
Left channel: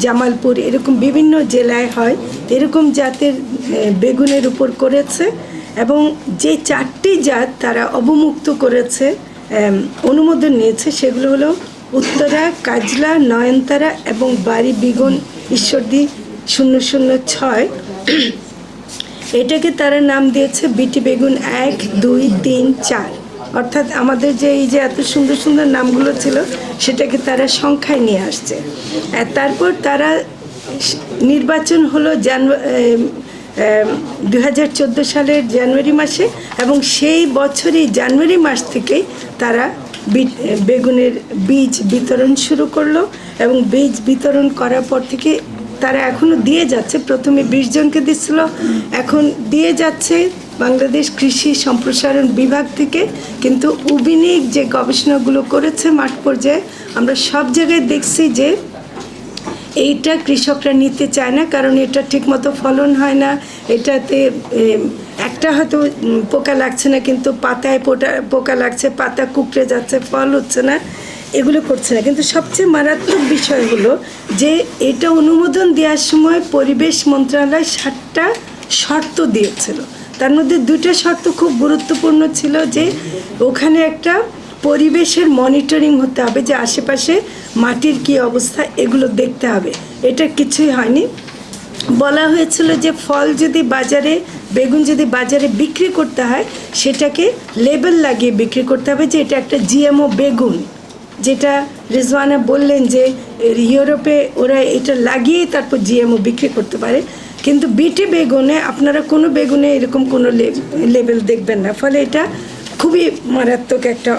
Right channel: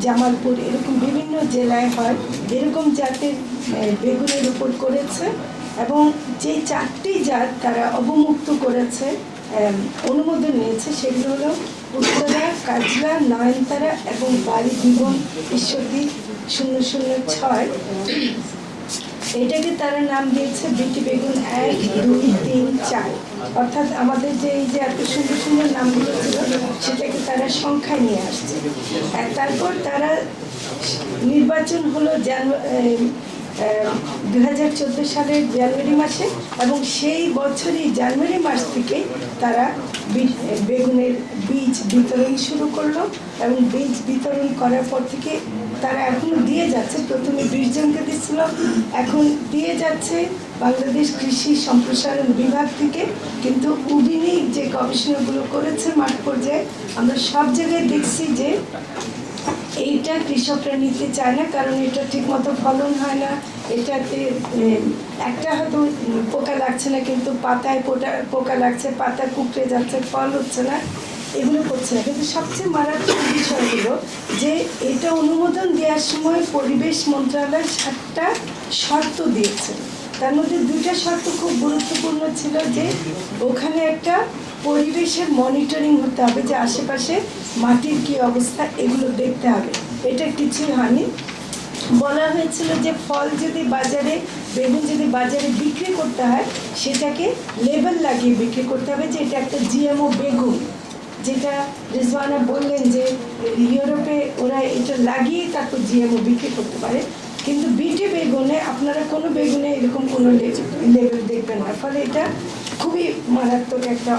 জামালপুর এরকম বিভিন্ন জেলায় হয়, এরকম জাতের বেগুনের উপর করেছে। এবং যে 4টি জাত তারা অবমুক্ত করেছে, অনুমোদন নিয়েছে, সেগুলো হলো উত্তরা, কাজলা, নয়নতারা এবং বাড়ি বিগুন ঈশ্বরদী 006। এটাকে তারা নাম দিয়েছে বিটি বেগুন 1, 2, 3, 4। অর্থাৎ আমাদের যে এই যে এত সুন্দর সুন্দর নামগুলো ছিল সেটাকে তারা সংখ্যায় নিয়ে আসছে। আর তারপর তারা নির্বাচন হলো 2014 সালের জানুয়ারি মাসে, এবং সেই বছরই জানুয়ারি মাস থেকেই তারা বেগুনের বীজ বিতরণ শুরু করলো। এবং বীজ বিতরণ করার পর থেকে তারা এখনও দিয়ে যাচ্ছে। প্রথমে 20 জনকে দিচ্ছিল, এখন দিয়ে যাচ্ছে বাংলাদেশ কৃষি সম্প্রসারণ বিভাগ থেকে। কিন্তু উবিনিক যে গবেষণাগুলো করেছে মাঠ পর্যায়ে, আমরা সব জায়গায় দেখছি যে এইটা কৃষকরা নিতে চায় না, কারণ এটা ঠিকমতো ফলন হয় না। এটাতে একটা হয়তো পোকা লাগছে না, কিন্তু পাতায় পোকা লাগছে, পাতা কুকড়ে যাচ্ছে, ফল হচ্ছে না, এগুলো করছে না। কিন্তু সবচেয়ে মারাত্মক বিষয় হলো যে এটা অনুমোদন দেওয়ার সময় পরিবেশ মন্ত্রণালয় 7টা শর্ত দিয়েছিল। তার মধ্যে 2টা শর্ত খুব গুরুত্বপূর্ণ ছিল, যে ওখানে একটা পরিবেশের মনিটরিং হতে হবে, যে আশেপাশে মাটির কি অবস্থা এগুলো দেখতে হবে। এটা কিছুই হয়নি। বলা হয়েছিল যে বেগুন যদি বাজারে বিক্রি করতে হয়, সেটাকে লেবেল লাগিয়ে বিক্রি করতে হবে যে এটা একটা জিএমও বেগুন। যেটা রিজওয়ানা বললেন যে ইউরোপে ওরা এটা লাগিয়ে তারপর জিএমও বিক্রি করতে পারে, কিন্তু বিটি বেগুনে আপনারা কোনো বেগুনে এরকম কোনো লেবেল দেখবেন না। ফলে এটা খুবই মারাত্মক একটা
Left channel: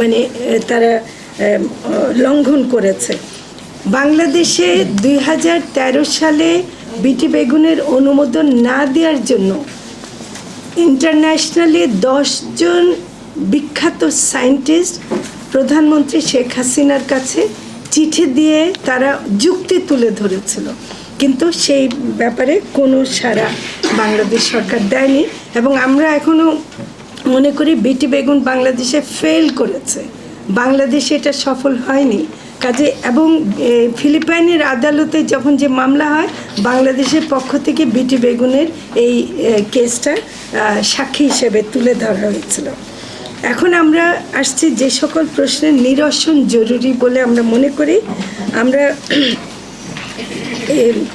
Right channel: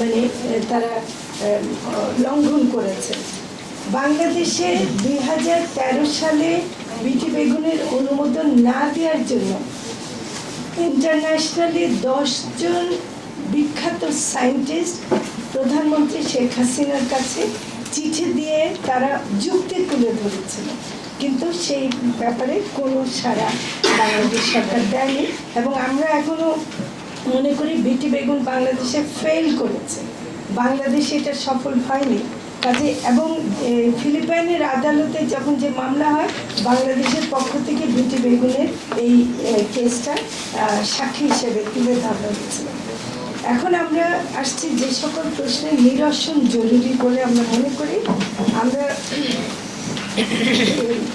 মানে তারা লঙ্ঘন করেছে। বাংলাদেশে 2013 সালে বিটি বেগুনের অনুমোদন না দেওয়ার জন্য ইন্টারন্যাশনালি 10 জন বিখ্যাত সায়েন্টিস্ট প্রধানমন্ত্রী শেখ হাসিনার কাছে চিঠি দিয়ে তারা যুক্তি তুলে ধরেছিল, কিন্তু সেই ব্যাপারে কোনো সাড়া বাংলাদেশ সরকার দেয়নি। এবং আমরা এখনও মনে করি বিটি বেগুন বাংলাদেশে ফেল করেছে, বাংলাদেশে এটা সফল হয়নি কাজে। এবং ফিলিপাইনের আদালতে যখন যে মামলা হয়, বাংলাদেশের পক্ষ থেকে বিটি বেগুনের এই কেসটা সাক্ষী হিসেবে তুলে ধরা হয়েছিল। এখন আমরা আসছি যে সকল প্রশ্নের নিরসন জরুরি বলে আমরা মনে করি, আমরা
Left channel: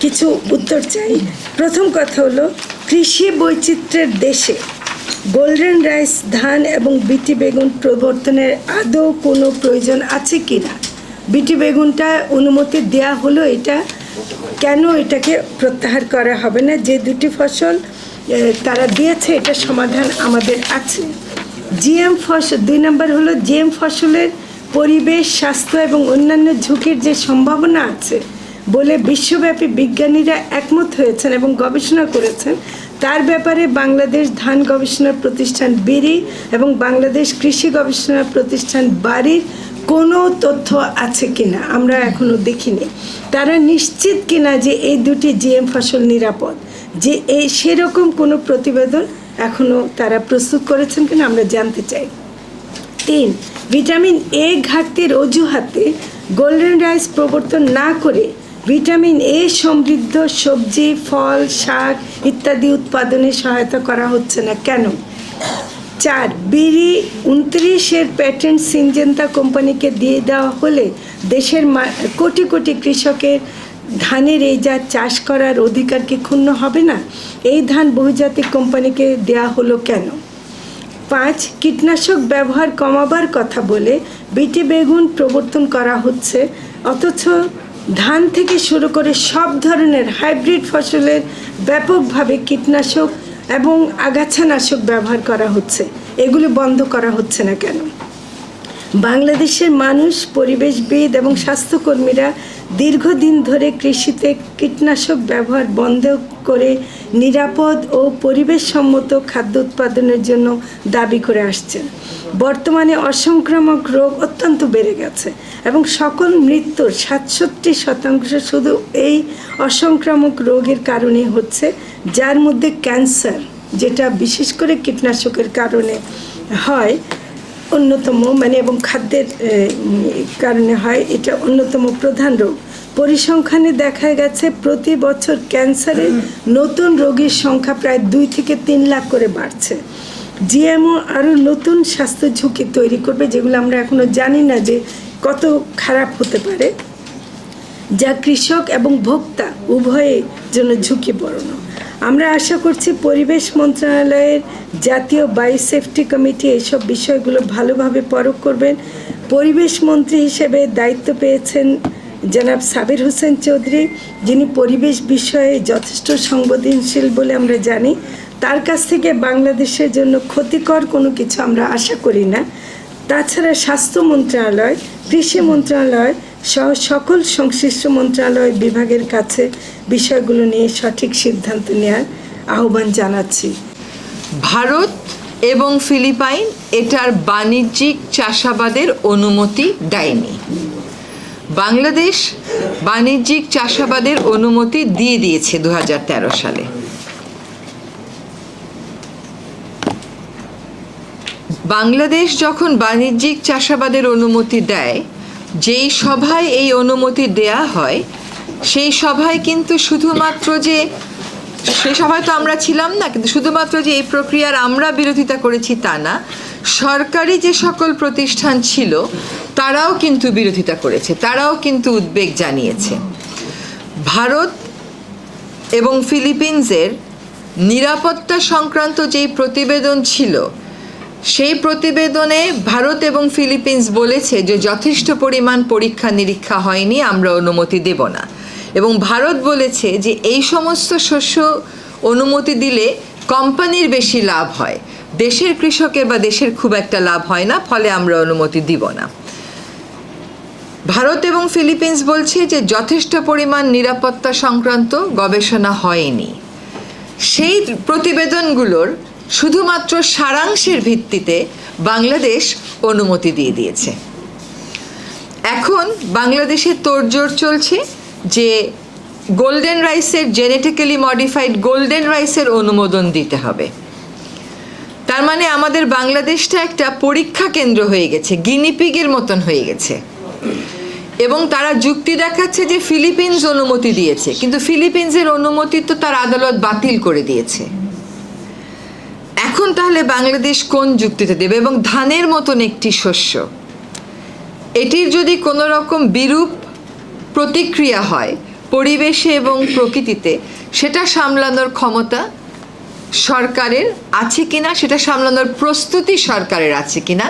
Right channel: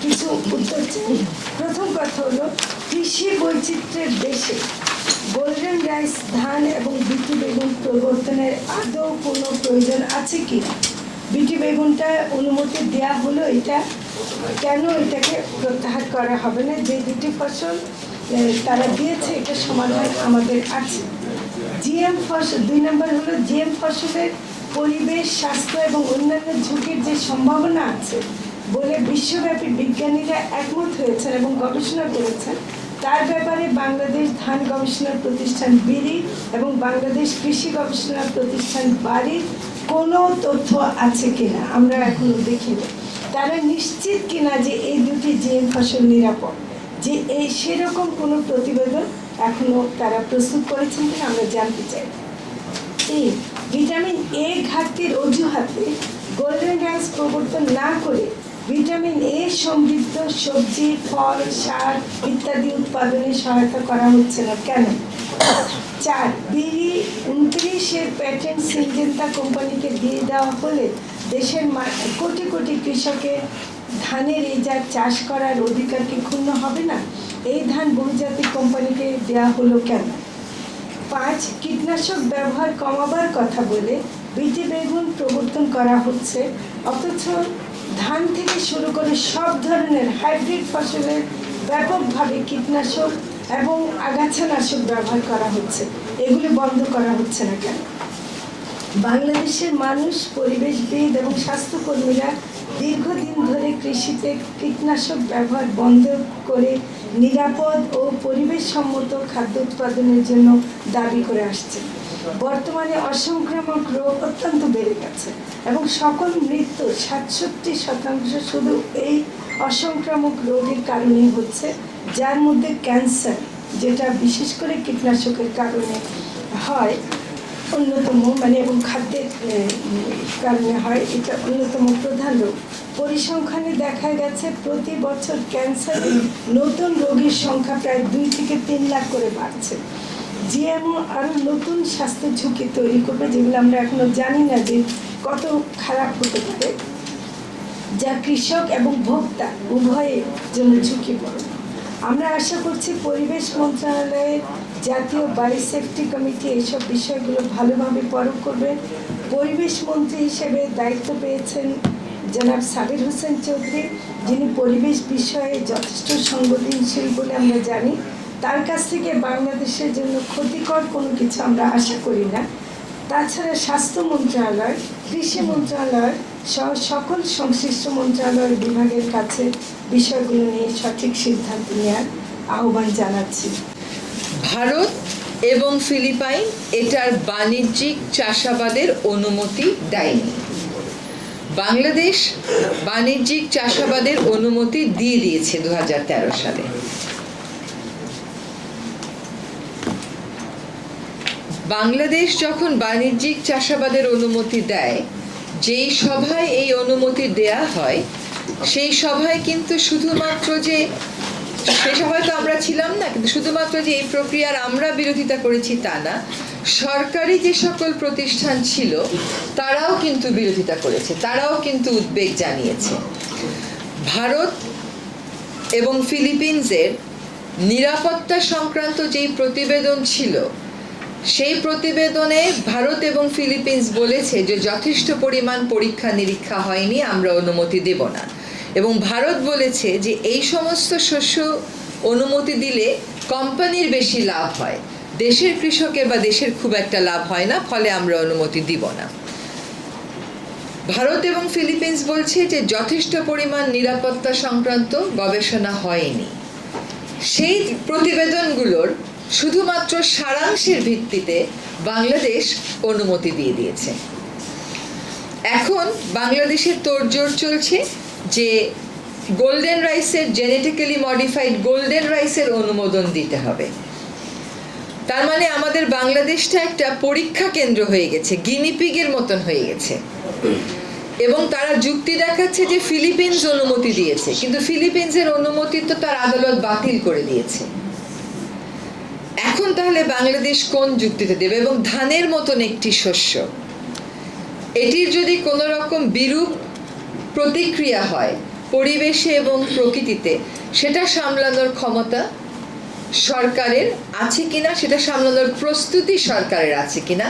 কিছু উত্তর চাই। প্রথম কথা হলো, কৃষি বৈচিত্র্যের দেশে গোল্ডেন রাইস ধান এবং বিটি বেগুন প্রবর্তনের আদৌ কোনো প্রয়োজন আছে কি না? বিটি বেগুনটা অনুমতি দেওয়া হলো, এটা কেন এটাকে প্রত্যাহার করা হবে না? যে 2টি ফসল তারা দিয়েছে, এটা সমাধান আমাদের আছে। জিএম ফসল 2 নম্বর হলো, জিএম ফসলের পরিবেশ, স্বাস্থ্য এবং অন্যান্য ঝুঁকির যে সম্ভাবনা আছে বলে বিশ্বব্যাপী বিজ্ঞানীরা একমত হয়েছেন এবং গবেষণা করেছেন, তার ব্যাপারে বাংলাদেশ ধান গবেষণা প্রতিষ্ঠান বিরি এবং বাংলাদেশ কৃষি গবেষণা প্রতিষ্ঠান বাড়ির কোনো তথ্য আছে কিনা আমরা এখনো দেখিনি। তারা নিশ্চিত কিনা যে এই 2টি জিএম ফসল নিরাপদ, যে এই সেরকম কোনো প্রতিবেদন এখনো তারা প্রস্তুত করেছেন কিনা আমরা জানতে চাই। 3, ভিটামিন এ ঘাটতির অজুহাতে গোল্ডেন রাইস প্রবর্তন না করে ভিটামিন এ সমৃদ্ধ সবজি, ফল, শাক ইত্যাদি উৎপাদনে সহায়তা করা হচ্ছে না কেন? 4, বিরি 29-এর প্যাটেন্ট সিনজেন্তা কোম্পানিকে দিয়ে দেওয়া হলে দেশের কোটি কোটি কৃষকের ধানের এই জাত চাষ করার অধিকার কি ক্ষুণ্ণ হবে না? এই ধান বহুজাতিক কোম্পানিকে দেওয়া হলো কেন? 5 কীটনাশক ব্যবহার কমাবার কথা বলে বিটি বেগুন প্রবর্তন করা হচ্ছে, অথচ ধান থেকে শুরু করে সব ধরনের হাইব্রিড ফসলের ব্যাপকভাবে কীটনাশক এবং আগাছানাশক ব্যবহার করা হচ্ছে। এগুলো বন্ধ করা হচ্ছে না কেন? বাংলাদেশের মানুষ, পরিবেশবিদ এবং স্বাস্থ্যকর্মীরা দীর্ঘদিন ধরে কৃষিতে কীটনাশক ব্যবহার বন্ধ করে নিরাপদ ও পরিবেশসম্মত খাদ্য উৎপাদনের জন্য দাবি করে আসছেন। বর্তমানে অসংক্রামক রোগ অত্যন্ত বেড়ে গেছে এবং সকল মৃত্যুর 67% শুধু এই অসংক্রামক রোগের কারণে হচ্ছে, যার মধ্যে ক্যান্সার, যেটা বিশেষ করে কীটনাশকের কারণে হয়, অন্যতম এবং খাদ্যের কারণে হয়, এটা অন্যতম প্রধান রোগ। পরিসংখ্যানে দেখা গেছে প্রতি বছর ক্যান্সারের নতুন রোগীর সংখ্যা প্রায় 2 থেকে 3 লাখ করে বাড়ছে। জিএমও আরও নতুন স্বাস্থ্য ঝুঁকি তৈরি করবে, যেগুলো আমরা এখনো জানি না যে কত খারাপ হতে পারে, যা কৃষক এবং ভোক্তা উভয়ের জন্য ঝুঁকিপূর্ণ। আমরা আশা করছি পরিবেশ মন্ত্রণালয়ের জাতীয় বায়ু সেফটি কমিটি এইসব বিষয়গুলো ভালোভাবে পরখ করবেন। পরিবেশ মন্ত্রী হিসেবে দায়িত্ব পেয়েছেন জনাব সাবির হোসেন চৌধুরী, যিনি পরিবেশ বিষয়ে যথেষ্ট সংবেদনশীল বলে আমরা জানি। তার কাছ থেকে বাংলাদেশের জন্য ক্ষতিকর কোনো কিছু আমরা আশা করি না। তাছাড়া স্বাস্থ্য মন্ত্রণালয়, কৃষি মন্ত্রণালয় সহ সকল সংশ্লিষ্ট মন্ত্রণালয় বিভাগের কাছে বিষয়গুলো নিয়ে সঠিক সিদ্ধান্ত নেওয়ার আহ্বান জানাচ্ছি। ভারত এবং ফিলিপাইন এটার বাণিজ্যিক চাষাবাদের অনুমতি দেয়নি। বাংলাদেশ বাণিজ্যিক চাষাবাদের অনুমতি দিয়ে দিয়েছে 2013 সালে। বাংলাদেশ যখন বাণিজ্যিক চাষাবাদের অনুমতি দেয়, যেই সভায় এই অনুমতি দেয়া হয়, সেই সভায় কিন্তু শুধুমাত্র যে, সেই সভায় তো আমরা ছিলাম না, কিন্তু শুধুমাত্র যে এই প্রক্রিয়ার আমরা বিরোধিতা করেছি তা না, সরকারি যে সকল প্রতিষ্ঠান ছিল তারাও কিন্তু বিরোধিতা করেছে, তারাও কিন্তু উদ্বেগ জানিয়েছে। ভারত এবং ফিলিপিন্সের নিরাপত্তা সংক্রান্ত যেই প্রতিবেদন ছিল, সেই প্রতিবেদনে ভারত এবং ফিলিপিন্স বলেছে যে যথেষ্ট পরিমাণ পরীক্ষা নিরীক্ষা হয়নি, আমরা অনুমতি দেব না। এবং ভারত বলেছে যে এই সমস্ত শস্য অনুমতি দিলে কোম্পানির বেশি লাভ হয়, দেশের কৃষকের বা দেশের খুব একটা লাভ হয় না, ফলে আমরা অনুমতি দিব না। ভারত এবং ফিলিপিন্স বলছে যে যথেষ্ট পরিমাণ নিরাপত্তা সংক্রান্ত গবেষণা হয়নি। সেই প্রতিবেদনগুলোর শুধুমাত্র সারাংশের ভিত্তিতে বাংলাদেশ অনুমতি দিয়ে দিয়েছে। এখন বাংলাদেশে তোড়জোড় চলছে যে গোল্ডেন রাইসের, জেনেটিক্যালি মডিফাইড গোল্ডেন রাইসের অনুমোদন দিতে হবে। তার মানে আমাদের বাংলাদেশটা একটা পরীক্ষা কেন্দ্র হয়ে গেছে, গিনিপিগের মতন হয়ে গেছে। এবং তারা যুক্তি দেখাচ্ছে যে ফিলিপিন্স অনুমতি দিয়েছে, কিন্তু ফিলিপিন্সের অনুমতি তো তার আদালত বাতিল করে দিয়েছে। এখন তাহলে বাংলাদেশ কোন যুক্তিতে দেবে? এবং ধানের মতন একটি শস্য, এটির যদি কোনো রকম বিরূপ প্রতিক্রিয়া হয় পরিবেশে এবং প্রকৃতিতে, সেটা সামলানোর ক্ষমতা সরকারের আছে কিনা, সেটা সামলানোর প্রস্তুতি সরকারের আছে কিনা,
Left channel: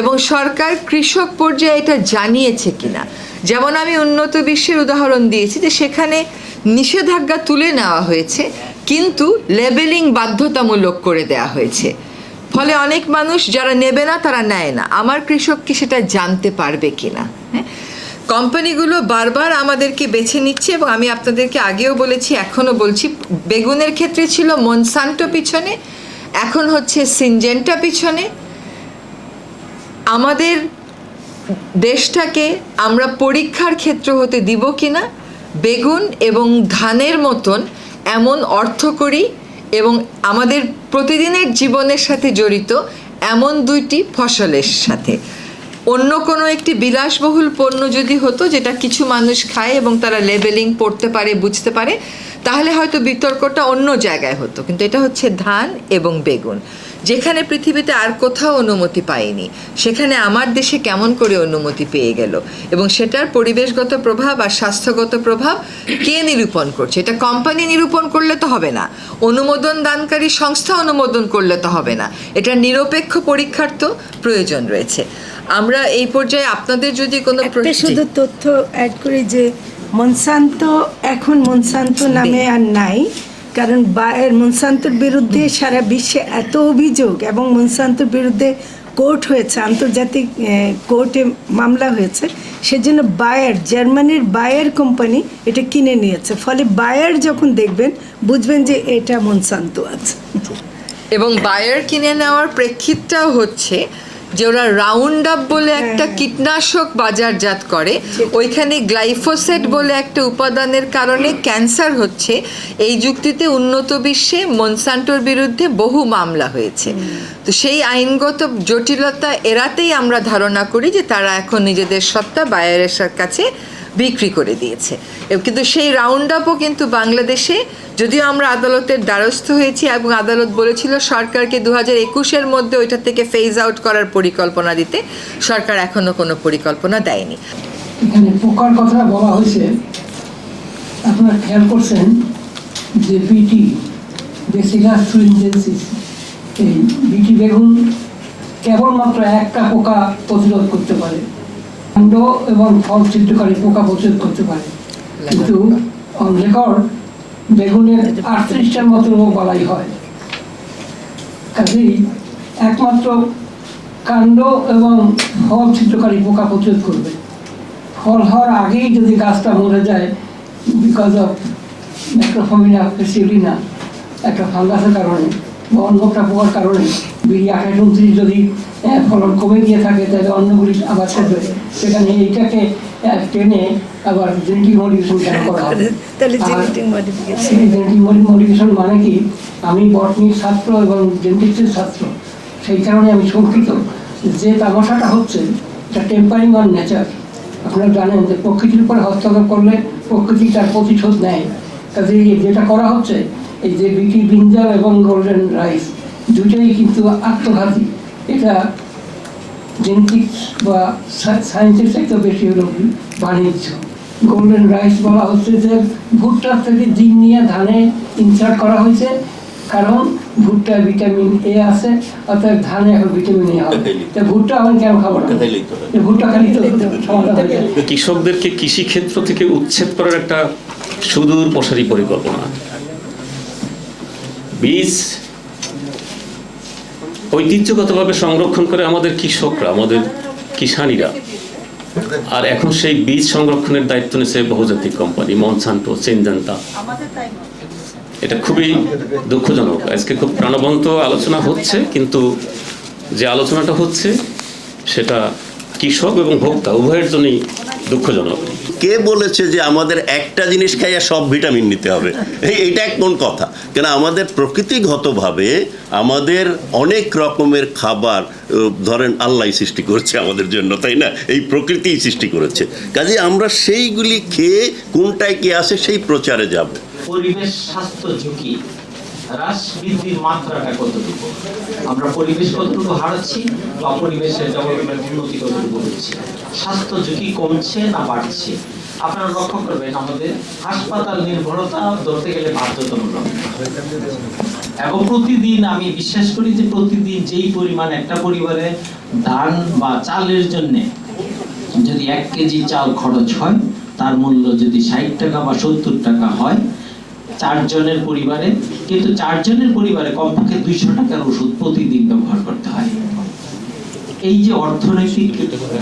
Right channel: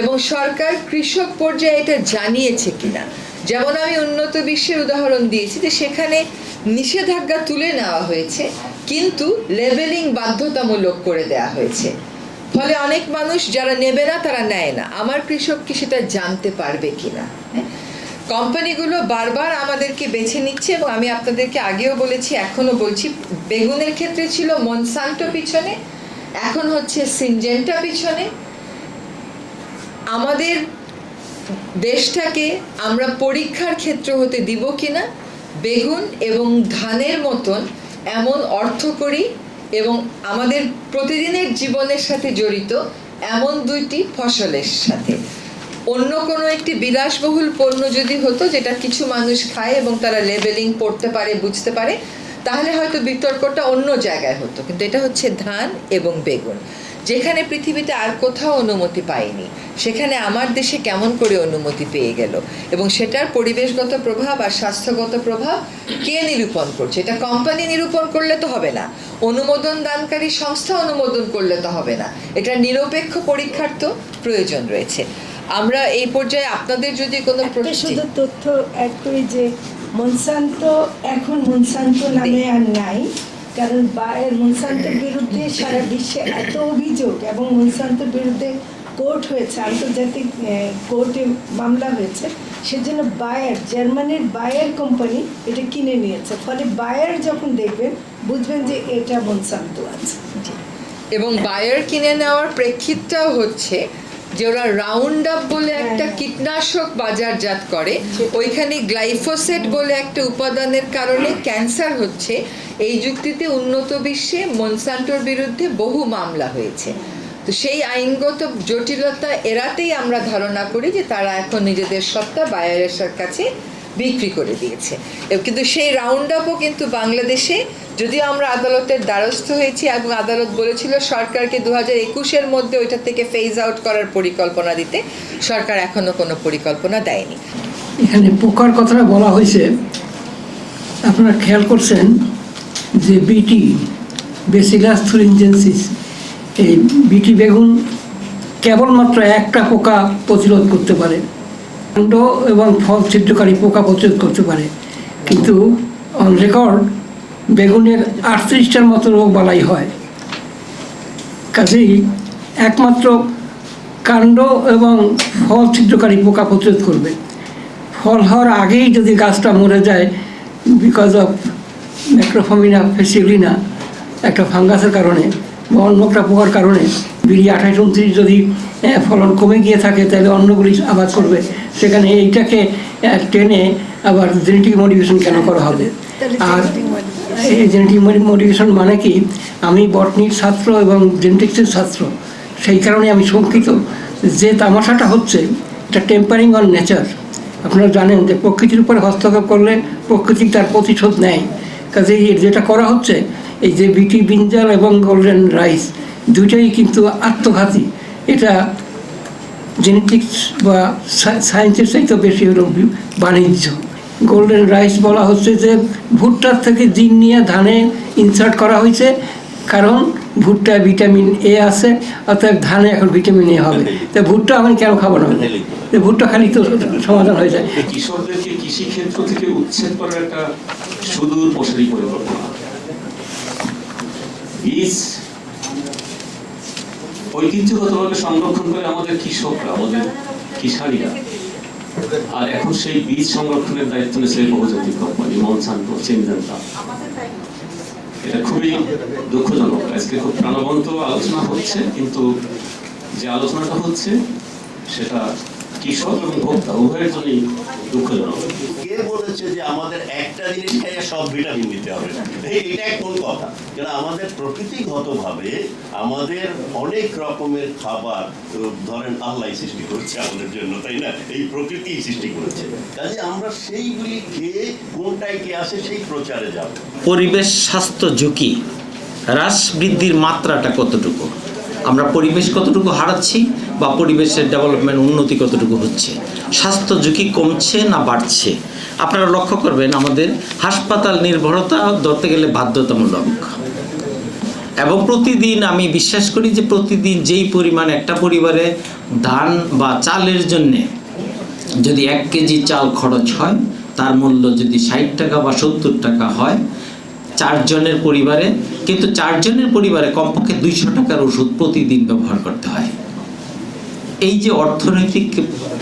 এবং সরকার কৃষক পর্যায়ে এটা জানিয়েছে কিনা। যেমন আমি উন্নত বিশ্বের উদাহরণ দিয়েছি যে সেখানে নিষেধাজ্ঞা তুলে নেওয়া হয়েছে, কিন্তু লেবেলিং বাধ্যতামূলক করে দেওয়া হয়েছে, ফলে অনেক মানুষ যারা নেবে না তারা নেয় না। আমার কৃষক কি সেটা জানতে পারবে কিনা? কোম্পানিগুলো বারবার আমাদেরকে বেছে নিচ্ছে, এবং আমি আপনাদেরকে আগেও বলেছি, এখনও বলছি, বেগুনের ক্ষেত্রে ছিল মনসান্টো পিছনে, এখন হচ্ছে সিনজেন্টা পিছনে। আমাদের দেশটাকে আমরা পরীক্ষার ক্ষেত্র হতে দিব কিনা বেগুন এবং ধানের মতন এমন অর্থকরী এবং আমাদের প্রতিদিনের জীবনের সাথে জড়িত এমন দুইটি ফসলের সাথে। অন্য কোনো একটি বিলাসবহুল পণ্য যদি হতো যেটা কিছু মানুষ খায় এবং তারা লেবেলিং পড়তে পারে, বুঝতে পারে, তাহলে হয়তো বিতর্কটা অন্য জায়গায় হতো, কিন্তু এটা হচ্ছে ধান এবং বেগুন। যেখানে পৃথিবীতে আর কোথাও অনুমতি পায়নি, সেখানে আমার দেশে কেমন করে অনুমতি পেয়ে গেল, এবং সেটার পরিবেশগত প্রভাব আর স্বাস্থ্যগত প্রভাব কে নিরূপণ করছে? এটা কোম্পানি নিরূপণ করলে তো হবে না, অনুমোদন দানকারী সংস্থা অনুমোদন করলে তো হবে না, এটা নিরপেক্ষ পরীক্ষার তো প্রয়োজন রয়েছে। আমরা এই পর্যায়ে আপনাদের যদি কোনো শুধু তথ্য অ্যাড করে যে এখন মনসান্তো নামে আর নাই, কারণ বায়ার মনসান্তোর বিরুদ্ধে সারা বিশ্বে এত অভিযোগ এবং মনসান্তোর বিরুদ্ধে কোর্ট হয়েছে, আন্তর্জাতিক কোর্টে মামলা হয়েছে, সেজন্য জার্মানির বায়ার কোম্পানি এটা কিনে নিয়েছে। ফলে বায়ার যখন দেখবেন বুঝবেন যে এটা মনসান্তো আছে। এবং বায়ার কিনে নেওয়ার প্রেক্ষিতটাও হচ্ছে যে ওরা রাউন্ড আপ বলে একটা কীটনাশক বাজারজাত করে, ওইখানে গ্লাইফোসেট বলে একটা উপাদানের কারণে ক্যান্সার হচ্ছে। এই যুক্তিতে উন্নত বিশ্বে মনসান্টোর বিরুদ্ধে বহু মামলা হয়েছে। তো সেই আইনগত জটিলতা এড়াতেই আমরা ধারণা করি যে তারা এখন নিজেদের সত্তা বায়ারের কাছে বিক্রি করে দিয়েছে। কিন্তু সেই রাউন্ড আপও কিন্তু বাংলাদেশে, যদিও আমরা আদালতের দ্বারস্থ হয়েছি এবং আদালত বলেছিল সরকারকে 2021-এর মধ্যে ওইটা থেকে ফেজ আউট করার পরিকল্পনা দিতে, সরকার এখনো কোনো পরিকল্পনা দেয়নি। এখানে পোকার কথাটা বলা হয়েছে, আপনারা খেয়াল করছেন যে বিটি বেসিলাস থুরিনজেন্সিস, এই বিটি বেগুন কেবলমাত্র একটা পোকা প্রতিরোধ করতে পারে, কাণ্ড এবং ফল ছিদ্রকারী পোকা প্রতিরোধ করতে পারে, কিন্তু অন রেকর্ড বেগুনের 38টার মতো রোগ বালাই হয়। কাজেই একমাত্র কাণ্ড এবং ফল ছিদ্রকারী পোকা প্রতিরোধ করবে। ফল হওয়ার আগেই যদি গাছটা মরে যায় বিকজ অফ ম্যাক্রোফমিনা ফেসিলিনা, একটা ফাঙ্গাসের কারণে বা অন্য একটা পোকার কারণে, 28-29 যদি ফলন কমে গিয়ে থাকে তাহলে অন্যগুলি আবাদ করবে, সেখানে এইটাকে টেনে আবার জেনেটিক মডিফিকেশন কেন করা হবে? আর এই জেনেটিক মডিফিকেশন মানে কি, আমি বটনির ছাত্র এবং জেনেটিক্সের ছাত্র, সেই কারণে আমি শঙ্কিত যে তামাশাটা হচ্ছে এটা টেম্পারিং অন নেচার। আপনারা জানেন যে প্রকৃতির উপর হস্তক্ষেপ করলে প্রকৃতি তার প্রতিশোধ নেয়। কাজেই যেটা করা হচ্ছে, এই যে বিটি ব্রিঞ্জাল এবং গোল্ডেন রাইস দুটাই কিন্তু আত্মঘাতী। এটা জেনেটিক্স বা সায়েন্সের চাইতে বেশি হলো বাণিজ্য। গোল্ডেন রাইস বলা হচ্ছে যে ভুট্টার থেকে জিন নিয়ে ধানে ইনসার্ট করা হয়েছে, কারণ ভুট্টায় ভিটামিন এ আছে, অর্থাৎ ধানে এখন ভিটামিন এ হবে। তো ভুট্টা আমি কেন খাবো না? ভুট্টা খালি তো সমাধান হয়ে যায়। কৃষকদেরকে কৃষি ক্ষেত্র থেকে উচ্ছেদ করার একটা সুদূর প্রসারী পরিকল্পনা। বীজ ঐতিহ্যগতভাবে সংরক্ষণ করে আমাদের কৃষকরা, আমাদের কিষানীরা, আর এখন সেই বীজ সংরক্ষণের দায়িত্ব নিয়েছে বহুজাতিক কোম্পানি মনসান্টো, সিনজেন্টা। এটা খুবই দুঃখজনক। আজকে খুব প্রাণবন্ত আলোচনা হচ্ছে, কিন্তু যে আলোচনাটা হচ্ছে সেটা কৃষক এবং ভোক্তা উভয়ের জন্যই দুঃখজনক। কে বলেছে যে আমাদের একটা জিনিস খাইয়া সব ভিটামিন নিতে হবে? এইটা কোন কথা? কেন আমাদের প্রকৃতিগতভাবে আমাদের অনেক রকমের খাবার ধরেন আল্লাহ সৃষ্টি করেছে আমাদের জন্য, তাই না? এই প্রকৃতিই সৃষ্টি করেছে। কাজে আমরা সেইগুলি খেয়ে কোনটায় কি আসে সেই প্রচারে যাব। পরিবেশ স্বাস্থ্য ঝুঁকি হ্রাস বৃদ্ধির মাত্রাটা কতটুকু, আমরা পরিবেশ কতটুকু হারাচ্ছি বা পরিবেশের ডেভেলপমেন্ট উন্নতি কতটুকু হচ্ছে, স্বাস্থ্য ঝুঁকি কমছে না বাড়ছে? আপনারা লক্ষ্য করবেন আমাদের হাসপাতাল নির্ভরতা ধরতে গেলে বাধ্যতামূলক, এবং প্রতিদিন আমি বিশ্বাস করি যে প্রতিদিন যেই পরিমাণ একটা পরিবারে ধান বা চালের জন্যে যদি 1 কেজি চাল খরচ হয়, তার মূল্য যদি 60 টাকা বা 70 টাকা হয় 4 জনের পরিবারে, কিন্তু 4 জনের পরিবারে কমপক্ষে 200 টাকার ওষুধ প্রতিদিন ব্যবহার করতে হয়। এই যে অর্থনৈতিক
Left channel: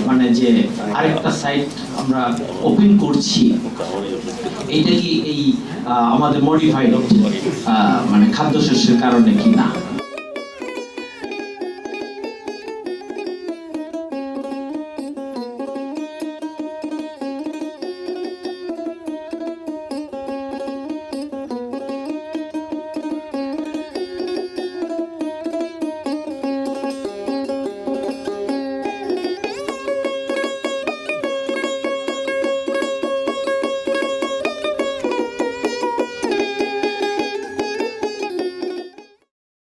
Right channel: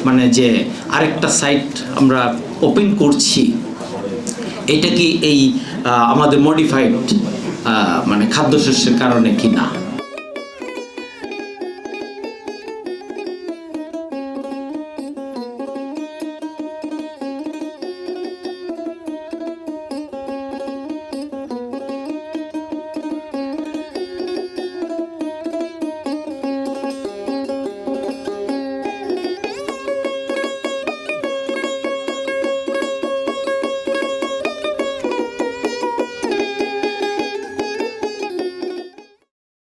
মানে যে আরেকটা সাইট আমরা ওপেন করছি, এটা কি এই আমাদের মডিফাইড মানে খাদ্যশস্যের কারণে কি না?